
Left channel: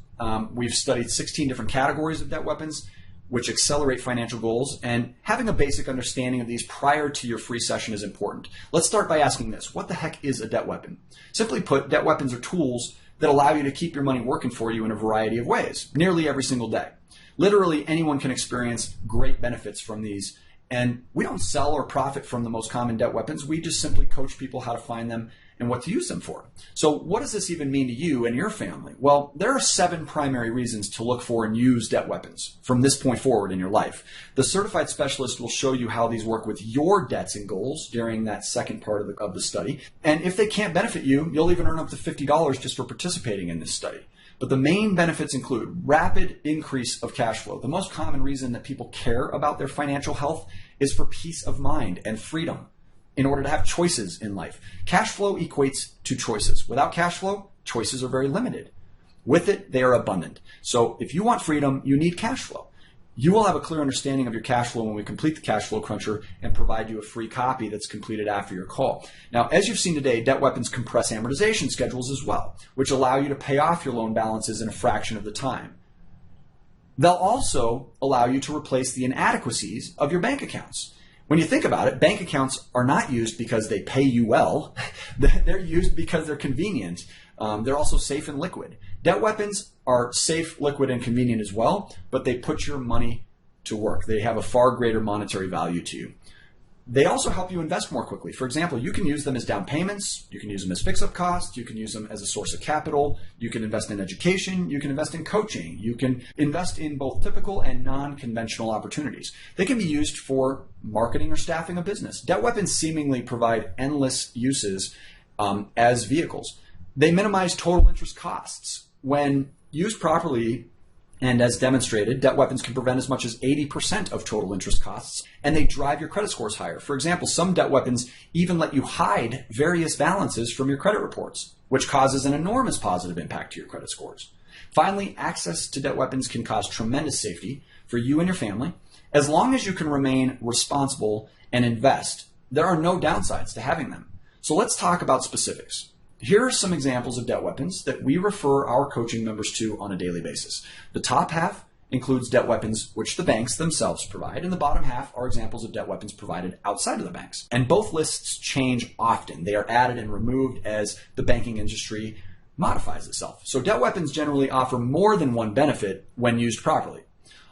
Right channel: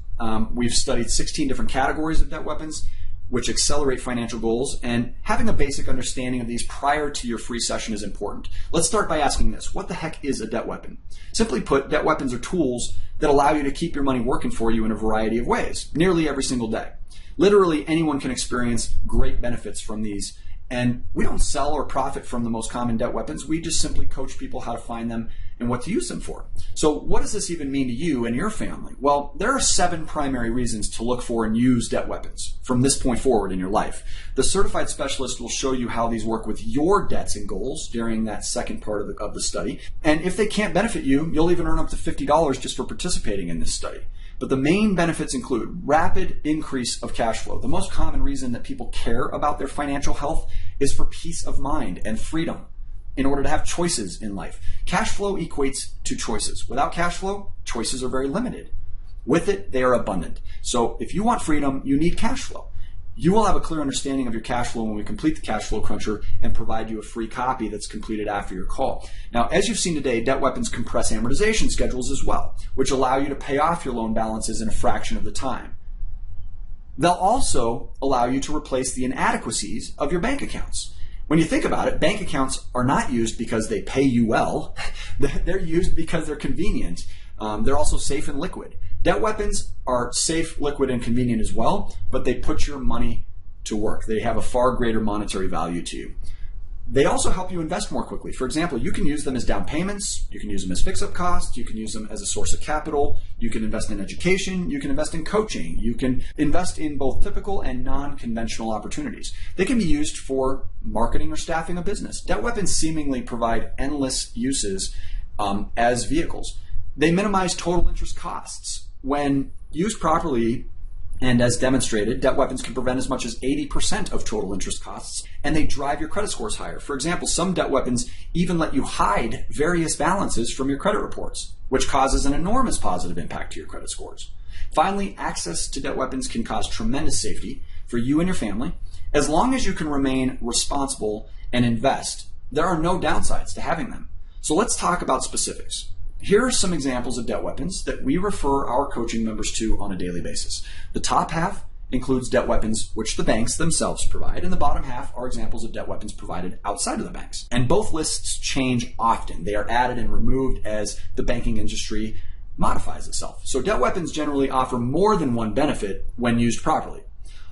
we've studied 16 different categories of debt weapons. which accelerate financial goals, and having a basic understanding of these prior to your free session is important. Let's start by asking this: what the heck is a debt weapon? Simply put, debt weapons are tools that allow you to keep your money working for you in a variety of ways, nearly every single day. Literally anyone can experience great benefits from these, and we don't sell or profit from the most common debt weapons. We just simply coach people how to find them and what to use them for. So what does this even mean to you and your family? Well, there are 7 primary reasons to look for and use debt weapons from this point forward in your life. The certified specialist will show you how these work with your debts and goals during that second part of the study. And if they can't benefit you, you'll even earn up to $50 just for participating in this study. But the main benefits include rapid increase of cash flow. The most common reason that people care about their financial health is for peace of mind and freedom in order to have choices in life. Cash flow equates to choices. Without cash flow, choices are very limited. With it, they are abundant. So if you want freedom, you need cash flow. You will have a clear understanding of your cash flow when we complete the Cash Flow Cruncher and provide you a free copy that's completed after your call. Now, as you've seen today, debt weapons compress amortization schedules as well, which allow you to pay off your loan balances in a fraction of the time. They'll also allow you to replace the inadequacies of your bank accounts. When you think about it, bank accounts are not used because they pay you well. They're used because they're convenient. They're also safe and liquid. Debt weapons are safe, liquid, and convenient as well, but they put your money to work. They have a far greater monetary value to you. They also help you invest more quickly. For example, you can use them as down payments, you can use them as fix-up costs, you can use them as a source of capital, you can invest in education, you can invest in coaching, you can invest in both typical and non-conventional opportunities. They can be used for marketing or staffing a business. Debt weapons seemingly provide endless uses as vehicles. They minimize total interest costs. When used properly, and as demonstrated, debt weapons can prevent as much as 80% of total interest costs, and they drive your credit scores higher. For example, some debt weapons even let you hide various balances from your credit reports, which causes an enormous positive impact to your credit scores. Finally, access to debt weapons can cause tremendous safety for you and your family. As long as you can remain responsible and invest, there are no downsides to having them. So let's talk about specifics. Here are some examples of debt weapons that we refer our coaching members to on a daily basis. The top half includes debt weapons which the banks themselves provide, and the bottom half are examples of debt weapons provided outside of the banks. And both lists change often. They are added and removed as the banking industry modifies itself. So debt weapons generally offer more than one benefit when used properly,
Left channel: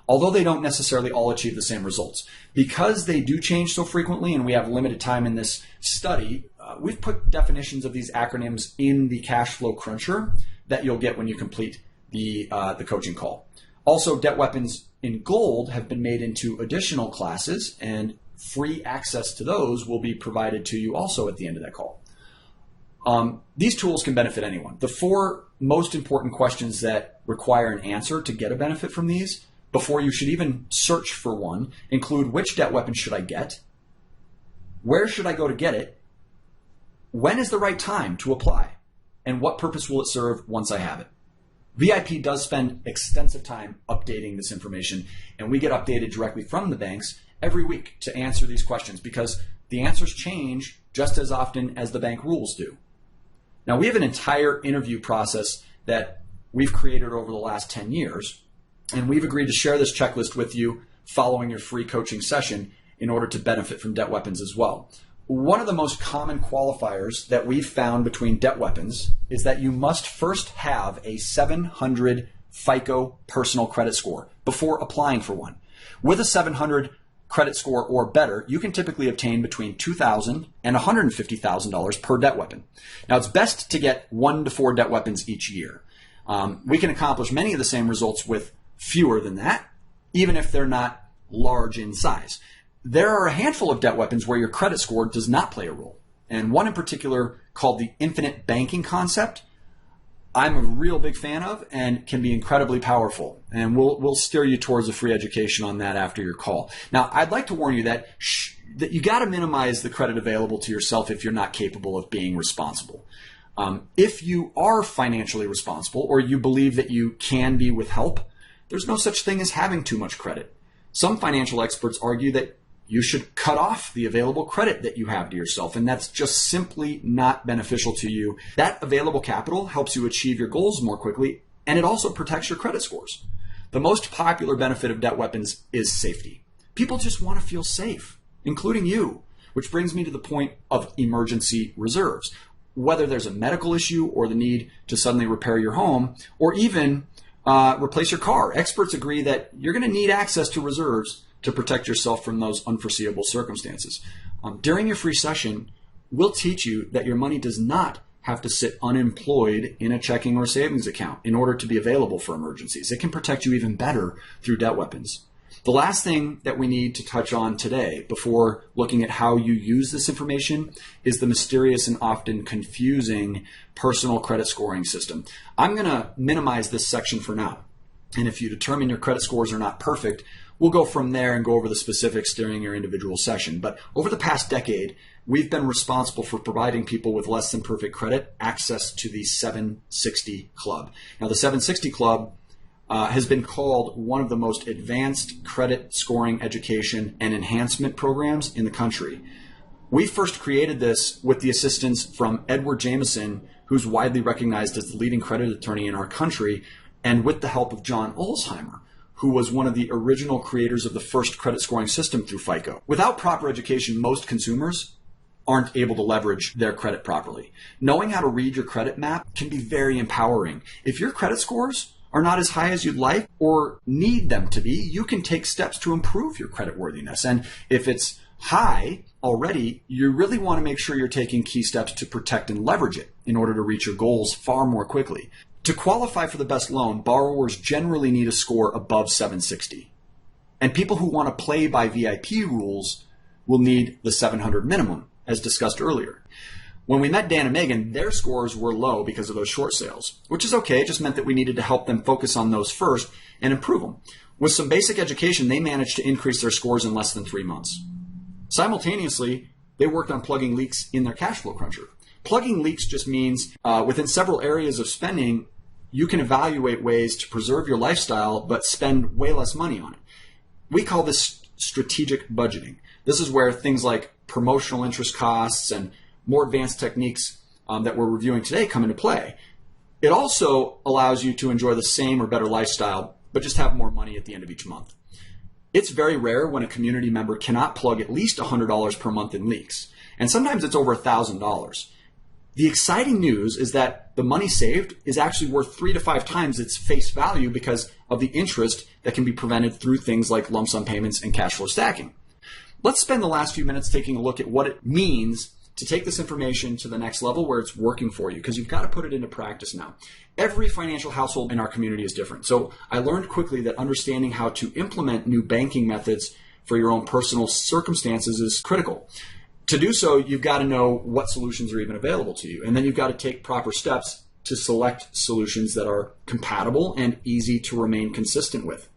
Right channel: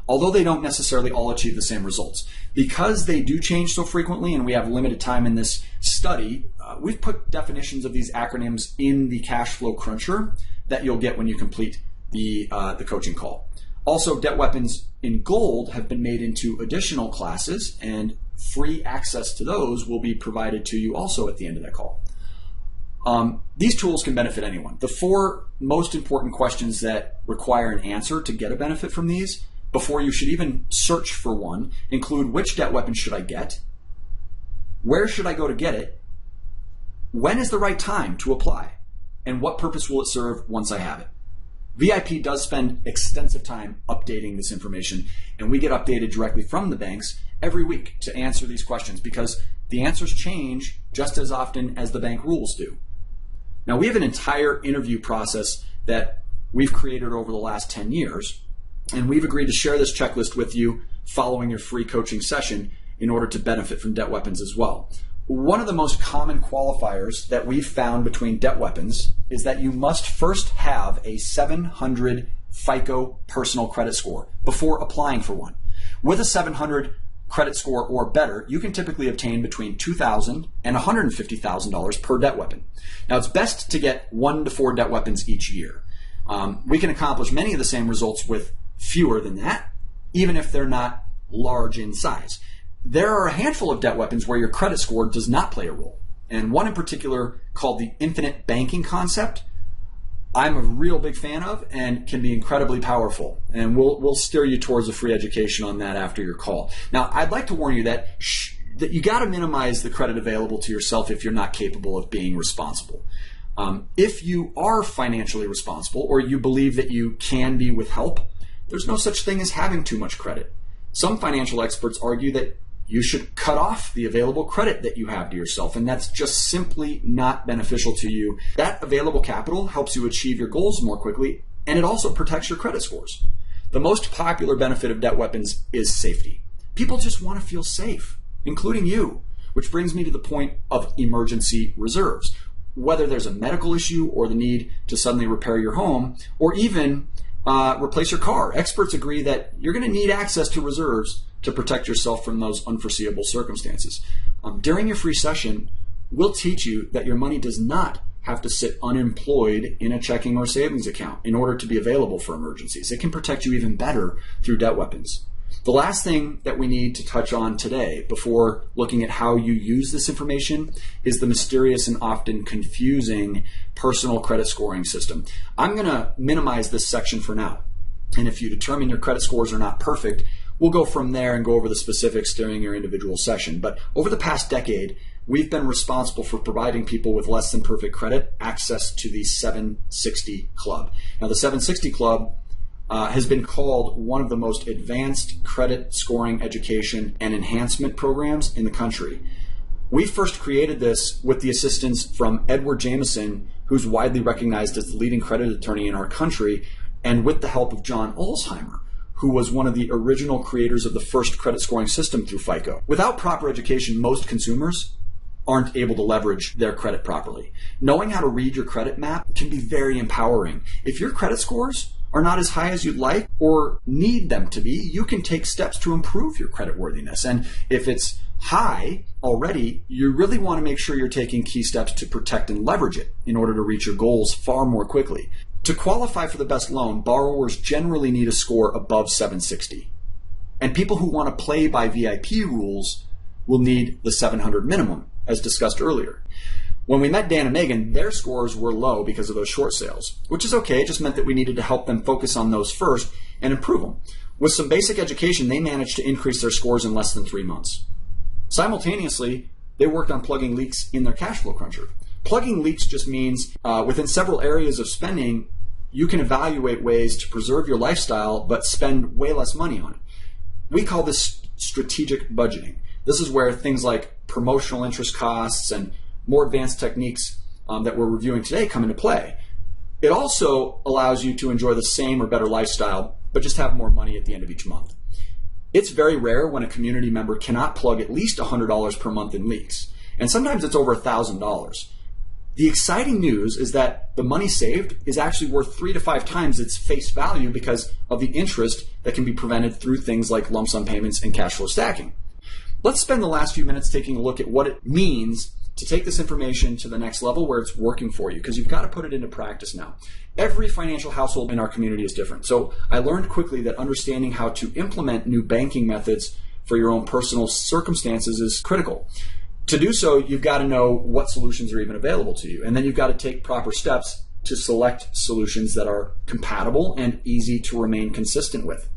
although they don't necessarily all achieve the same results. Because they do change so frequently and we have limited time in this study, we've put definitions of these acronyms in the Cash Flow Cruncher that you'll get when you complete the coaching call. Also, debt weapons in gold have been made into additional classes, and free access to those will be provided to you also at the end of that call. These tools can benefit anyone. The 4 most important questions that require an answer to get a benefit from these before you should even search for one include: which debt weapon should I get? Where should I go to get it? When is the right time to apply? And what purpose will it serve once I have it? VIP does spend extensive time updating this information, and we get updated directly from the banks every week to answer these questions because the answers change just as often as the bank rules do. Now, we have an entire interview process that we've created over the last 10 years, and we've agreed to share this checklist with you following your free coaching session in order to benefit from debt weapons as well. One of the most common qualifiers that we've found between debt weapons is that you must first have a 700 FICO personal credit score before applying for one. With a 700 credit score or better, you can typically obtain between $2,000 and $150,000 per debt weapon. Now, it's best to get 1 to 4 debt weapons each year. We can accomplish many of the same results with fewer than that, even if they're not large in size. There are a handful of debt weapons where your credit score does not play a role. And one in particular, called the infinite banking concept, I'm a real big fan of and can be incredibly powerful. And we'll steer you towards a free education on that after your call. Now, I'd like to warn you that you got to minimize the credit available to yourself if you're not capable of being responsible. If you are financially responsible or you believe that you can be with help, there's no such thing as having too much credit. Some financial experts argue that you should cut off the available credit that you have to yourself, and that's just simply not beneficial to you. That available capital helps you achieve your goals more quickly, and it also protects your credit scores. The most popular benefit of debt weapons is safety. People just want to feel safe, including you, which brings me to the point of emergency reserves. Whether there's a medical issue or the need to suddenly repair your home or even replace your car, experts agree that you're going to need access to reserves to protect yourself from those unforeseeable circumstances. During your free session, we'll teach you that your money does not have to sit unemployed in a checking or savings account in order to be available for emergencies. It can protect you even better through debt weapons. The last thing that we need to touch on today before looking at how you use this information is the mysterious and often confusing personal credit scoring system. I'm going to minimize this section for now. And if you determine your credit scores are not perfect, we'll go from there and go over the specifics during your individual session. But over the past decade, we've been responsible for providing people with less than perfect credit access to the 760 Club. Now, the 760 Club has been called one of the most advanced credit scoring education and enhancement programs in the country. We first created this with the assistance from Edward Jameson, who's widely recognized as the leading credit attorney in our country, and with the help of John Olsheimer, who was one of the original creators of the first credit scoring system through FICO. Without proper education, most consumers aren't able to leverage their credit properly. Knowing how to read your credit map can be very empowering. If your credit scores are not as high as you'd like or need them to be, you can take steps to improve your creditworthiness. And if it's high already, you really want to make sure you're taking key steps to protect and leverage it in order to reach your goals far more quickly. To qualify for the best loan, borrowers generally need a score above 760. And people who want to play by VIP rules will need the 700 minimum, as discussed earlier. When we met Dan and Megan, their scores were low because of those short sales, which is okay. It just meant that we needed to help them focus on those first and improve them. With some basic education, they managed to increase their scores in less than 3 months. Simultaneously, they worked on plugging leaks in their cash flow cruncher. Plugging leaks just means within several areas of spending, you can evaluate ways to preserve your lifestyle but spend way less money on it. We call this strategic budgeting. This is where things like promotional interest costs and more advanced techniques that we're reviewing today come into play. It also allows you to enjoy the same or better lifestyle, but just have more money at the end of each month. It's very rare when a community member cannot plug at least $100 per month in leaks, and sometimes it's over $1,000. The exciting news is that the money saved is actually worth 3 to 5 times its face value because of the interest that can be prevented through things like lump sum payments and cash flow stacking. Let's spend the last few minutes taking a look at what it means to take this information to the next level where it's working for you, because you've got to put it into practice now. Every financial household in our community is different. So I learned quickly that understanding how to implement new banking methods for your own personal circumstances is critical. To do so, you've got to know what solutions are even available to you. And then you've got to take proper steps to select solutions that are compatible and easy to remain consistent with.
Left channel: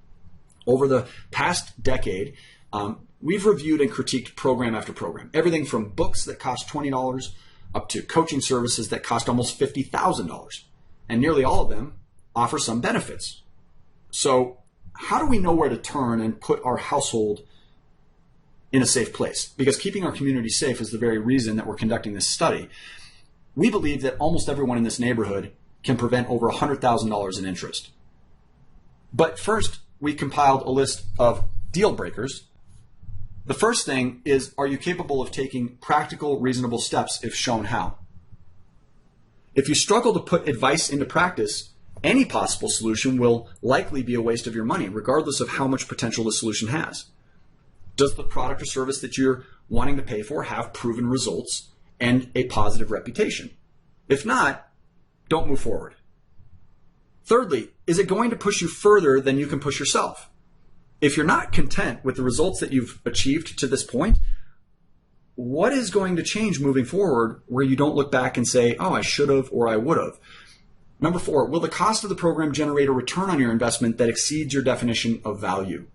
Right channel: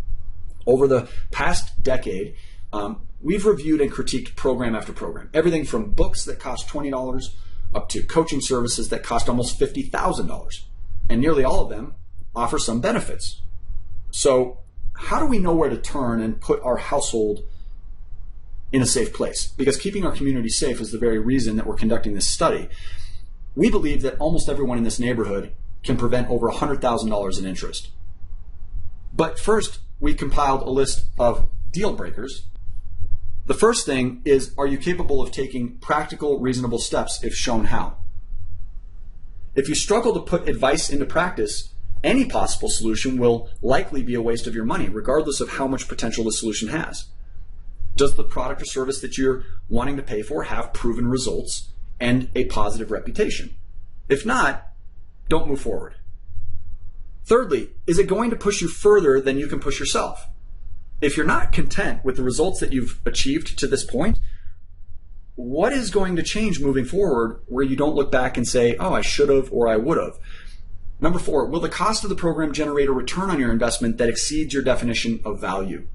Over the past decade, we've reviewed and critiqued program after program. Everything from books that cost $20 up to coaching services that cost almost $50,000. And nearly all of them offer some benefits. So how do we know where to turn and put our household in a safe place? Because keeping our community safe is the very reason that we're conducting this study. We believe that almost everyone in this neighborhood can prevent over $100,000 in interest. But first, we compiled a list of deal breakers. The first thing is, are you capable of taking practical, reasonable steps if shown how? If you struggle to put advice into practice, any possible solution will likely be a waste of your money, regardless of how much potential the solution has. Does the product or service that you're wanting to pay for have proven results and a positive reputation? If not, don't move forward. Thirdly, is it going to push you further than you can push yourself? If you're not content with the results that you've achieved to this point, what is going to change moving forward where you don't look back and say, oh, I should have or I would have? Number 4, will the cost of the program generate a return on your investment that exceeds your definition of value?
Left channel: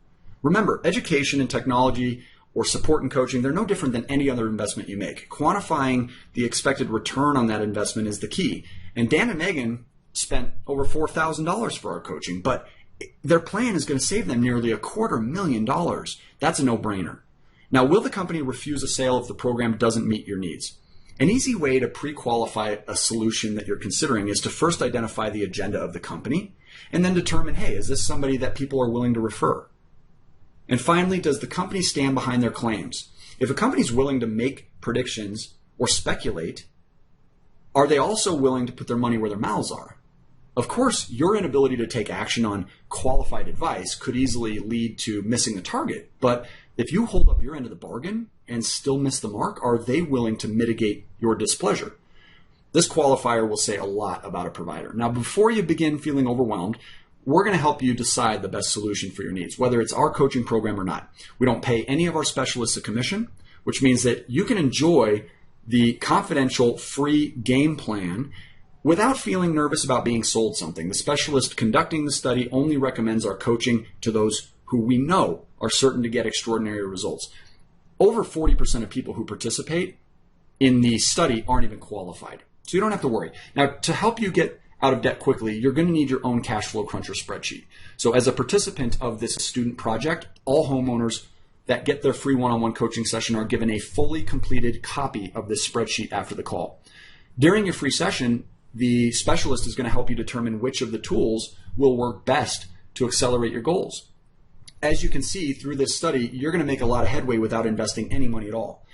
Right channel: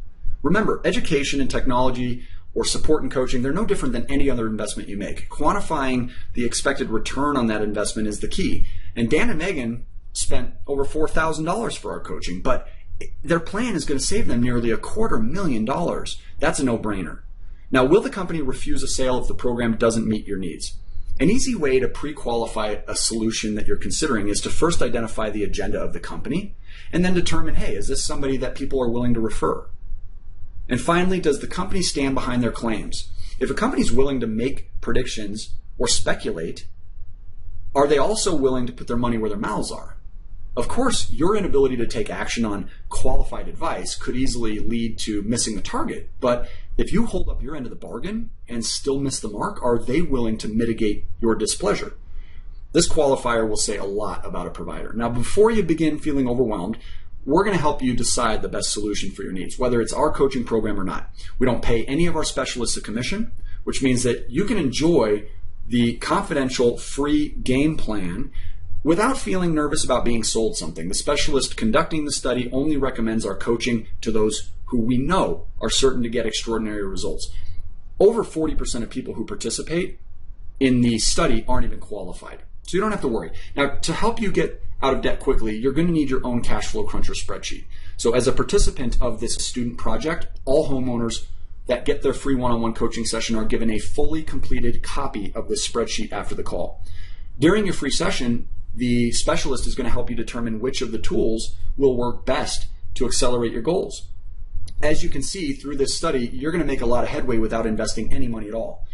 Remember, education and technology or support and coaching, they're no different than any other investment you make. Quantifying the expected return on that investment is the key. And Dan and Megan spent over $4,000 for our coaching, but their plan is going to save them nearly $250,000. That's a no-brainer. Now, will the company refuse a sale if the program doesn't meet your needs? An easy way to pre-qualify a solution that you're considering is to first identify the agenda of the company And then determine, hey, is this somebody that people are willing to refer? And finally, does the company stand behind their claims? If a company is willing to make predictions or speculate, are they also willing to put their money where their mouths are? Of course, your inability to take action on qualified advice could easily lead to missing the target. But if you hold up your end of the bargain and still miss the mark, are they willing to mitigate your displeasure? This qualifier will say a lot about a provider. Now, before you begin feeling overwhelmed, we're going to help you decide the best solution for your needs, whether it's our coaching program or not. We don't pay any of our specialists a commission, which means that you can enjoy the confidential free game plan without feeling nervous about being sold something. The specialist conducting the study only recommends our coaching to those who we know are certain to get extraordinary results. Over 40% of people who participate in the study aren't even qualified. So you don't have to worry. Now, to help you get out of debt quickly, you're going to need your own cash flow cruncher spreadsheet. So as a participant of this student project, all homeowners that get their free one-on-one coaching session are given a fully completed copy of this spreadsheet after the call. During your free session, the specialist is going to help you determine which of the tools will work best to accelerate your goals. As you can see through this study, you're going to make a lot of headway without investing any money at all.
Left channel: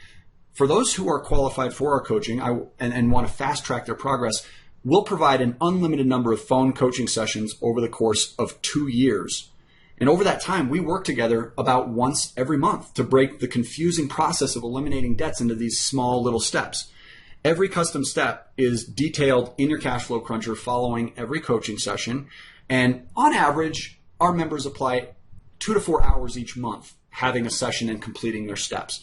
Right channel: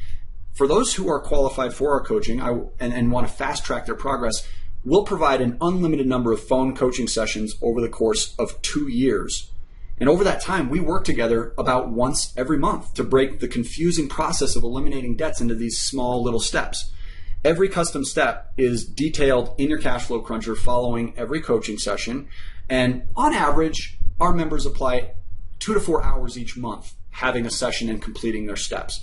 For those who are qualified for our coaching and want to fast track their progress, we'll provide an unlimited number of phone coaching sessions over the course of 2 years. And over that time, we work together about once every month to break the confusing process of eliminating debts into these small little steps. Every custom step is detailed in your cash flow cruncher following every coaching session. And on average, our members apply 2 to 4 hours each month having a session and completing their steps.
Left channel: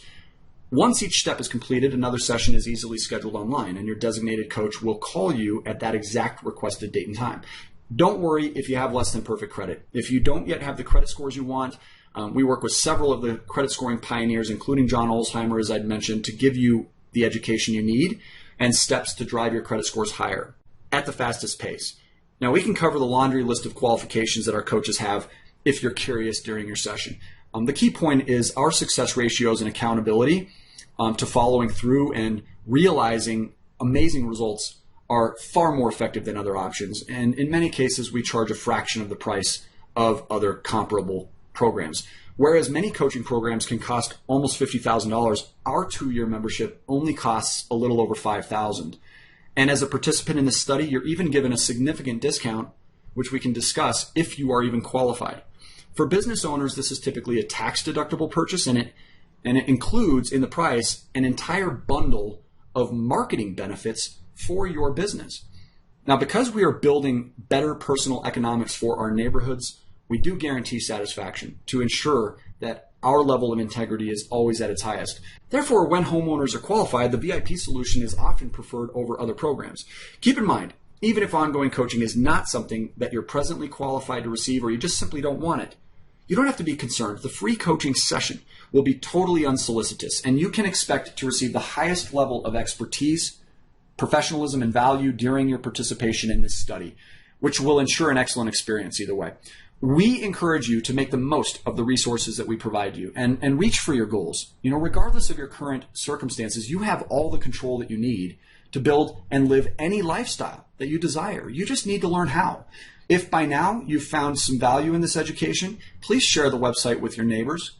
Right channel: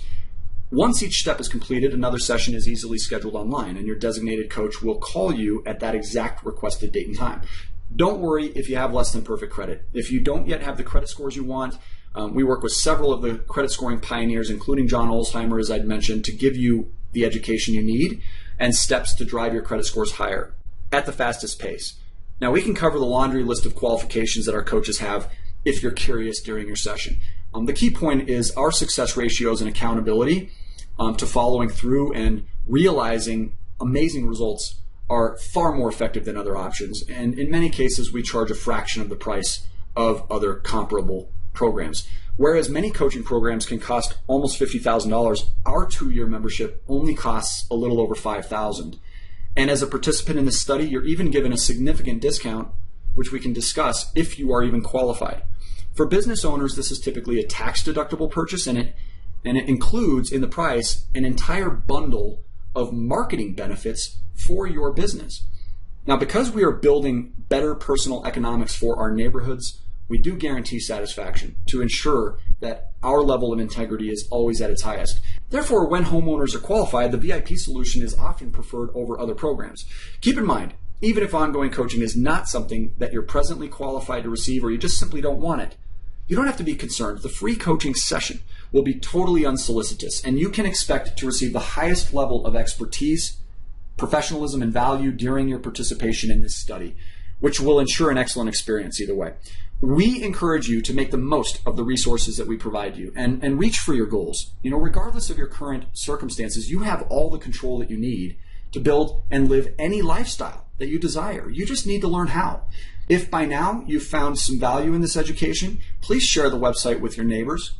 Once each step is completed, another session is easily scheduled online, and your designated coach will call you at that exact requested date and time. Don't worry if you have less than perfect credit. If you don't yet have the credit scores you want, we work with several of the credit scoring pioneers, including John Olsheimer, as I'd mentioned, to give you the education you need and steps to drive your credit scores higher at the fastest pace. Now, we can cover the laundry list of qualifications that our coaches have if you're curious during your session. The key point is our success ratios and accountability to following through and realizing amazing results are far more effective than other options. And in many cases, we charge a fraction of the price of other comparable programs. Whereas many coaching programs can cost almost $50,000, our 2-year membership only costs a little over $5,000. And as a participant in this study, you're even given a significant discount, which we can discuss if you are even qualified. For business owners, this is typically a tax-deductible purchase, and it includes in the price an entire bundle of marketing benefits for your business. Now, because we are building better personal economics for our neighborhoods, we do guarantee satisfaction to ensure that our level of integrity is always at its highest. Therefore, when homeowners are qualified, the VIP solution is often preferred over other programs. Keep in mind, even if ongoing coaching is not something that you're presently qualified to receive or you just simply don't want it, you don't have to be concerned. The free coaching session will be totally unsolicited, and you can expect to receive the highest level of expertise, professionalism, and value during your participation in this study, which will ensure an excellent experience either way. We encourage you to make the most of the resources that we provide you and reach for your goals. You know, regardless of your current circumstances, you have all the control that you need to build and live any lifestyle that you desire. You just need to learn how. If by now you've found some value in this education, please share the website with your neighbors.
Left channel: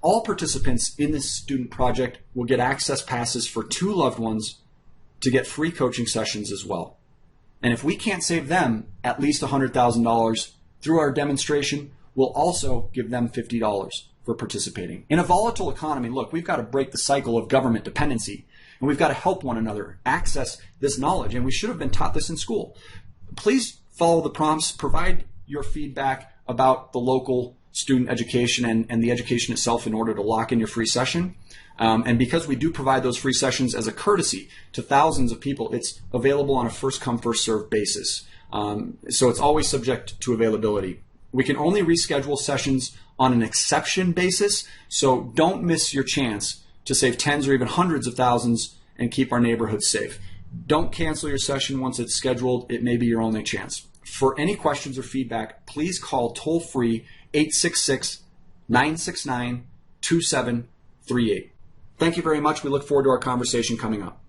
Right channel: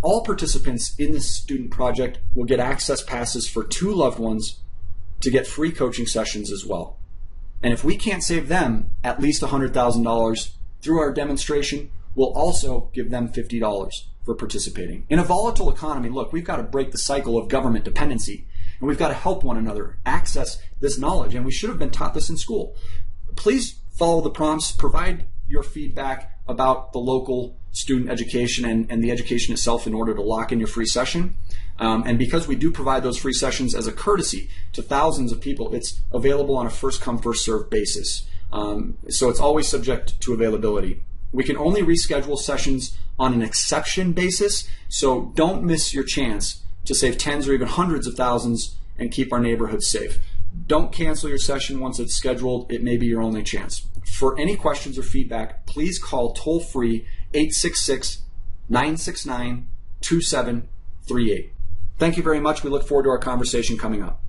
All participants in this student project will get access passes for 2 loved ones to get free coaching sessions as well. And if we can't save them at least $100,000 through our demonstration, we'll also give them $50 for participating. In a volatile economy, look, we've got to break the cycle of government dependency, and we've got to help one another access this knowledge, and we should have been taught this in school. Please follow the prompts, provide your feedback about the local student education and the education itself in order to lock in your free session. And because we do provide those free sessions as a courtesy to thousands of people, it's available on a first-come, first-served basis. So it's always subject to availability. We can only reschedule sessions on an exception basis, so don't miss your chance to save tens or even hundreds of thousands and keep our neighborhoods safe. Don't cancel your session once it's scheduled. It may be your only chance. For any questions or feedback, please call toll-free 866-969-2738. Thank you very much. We look forward to our conversation coming up.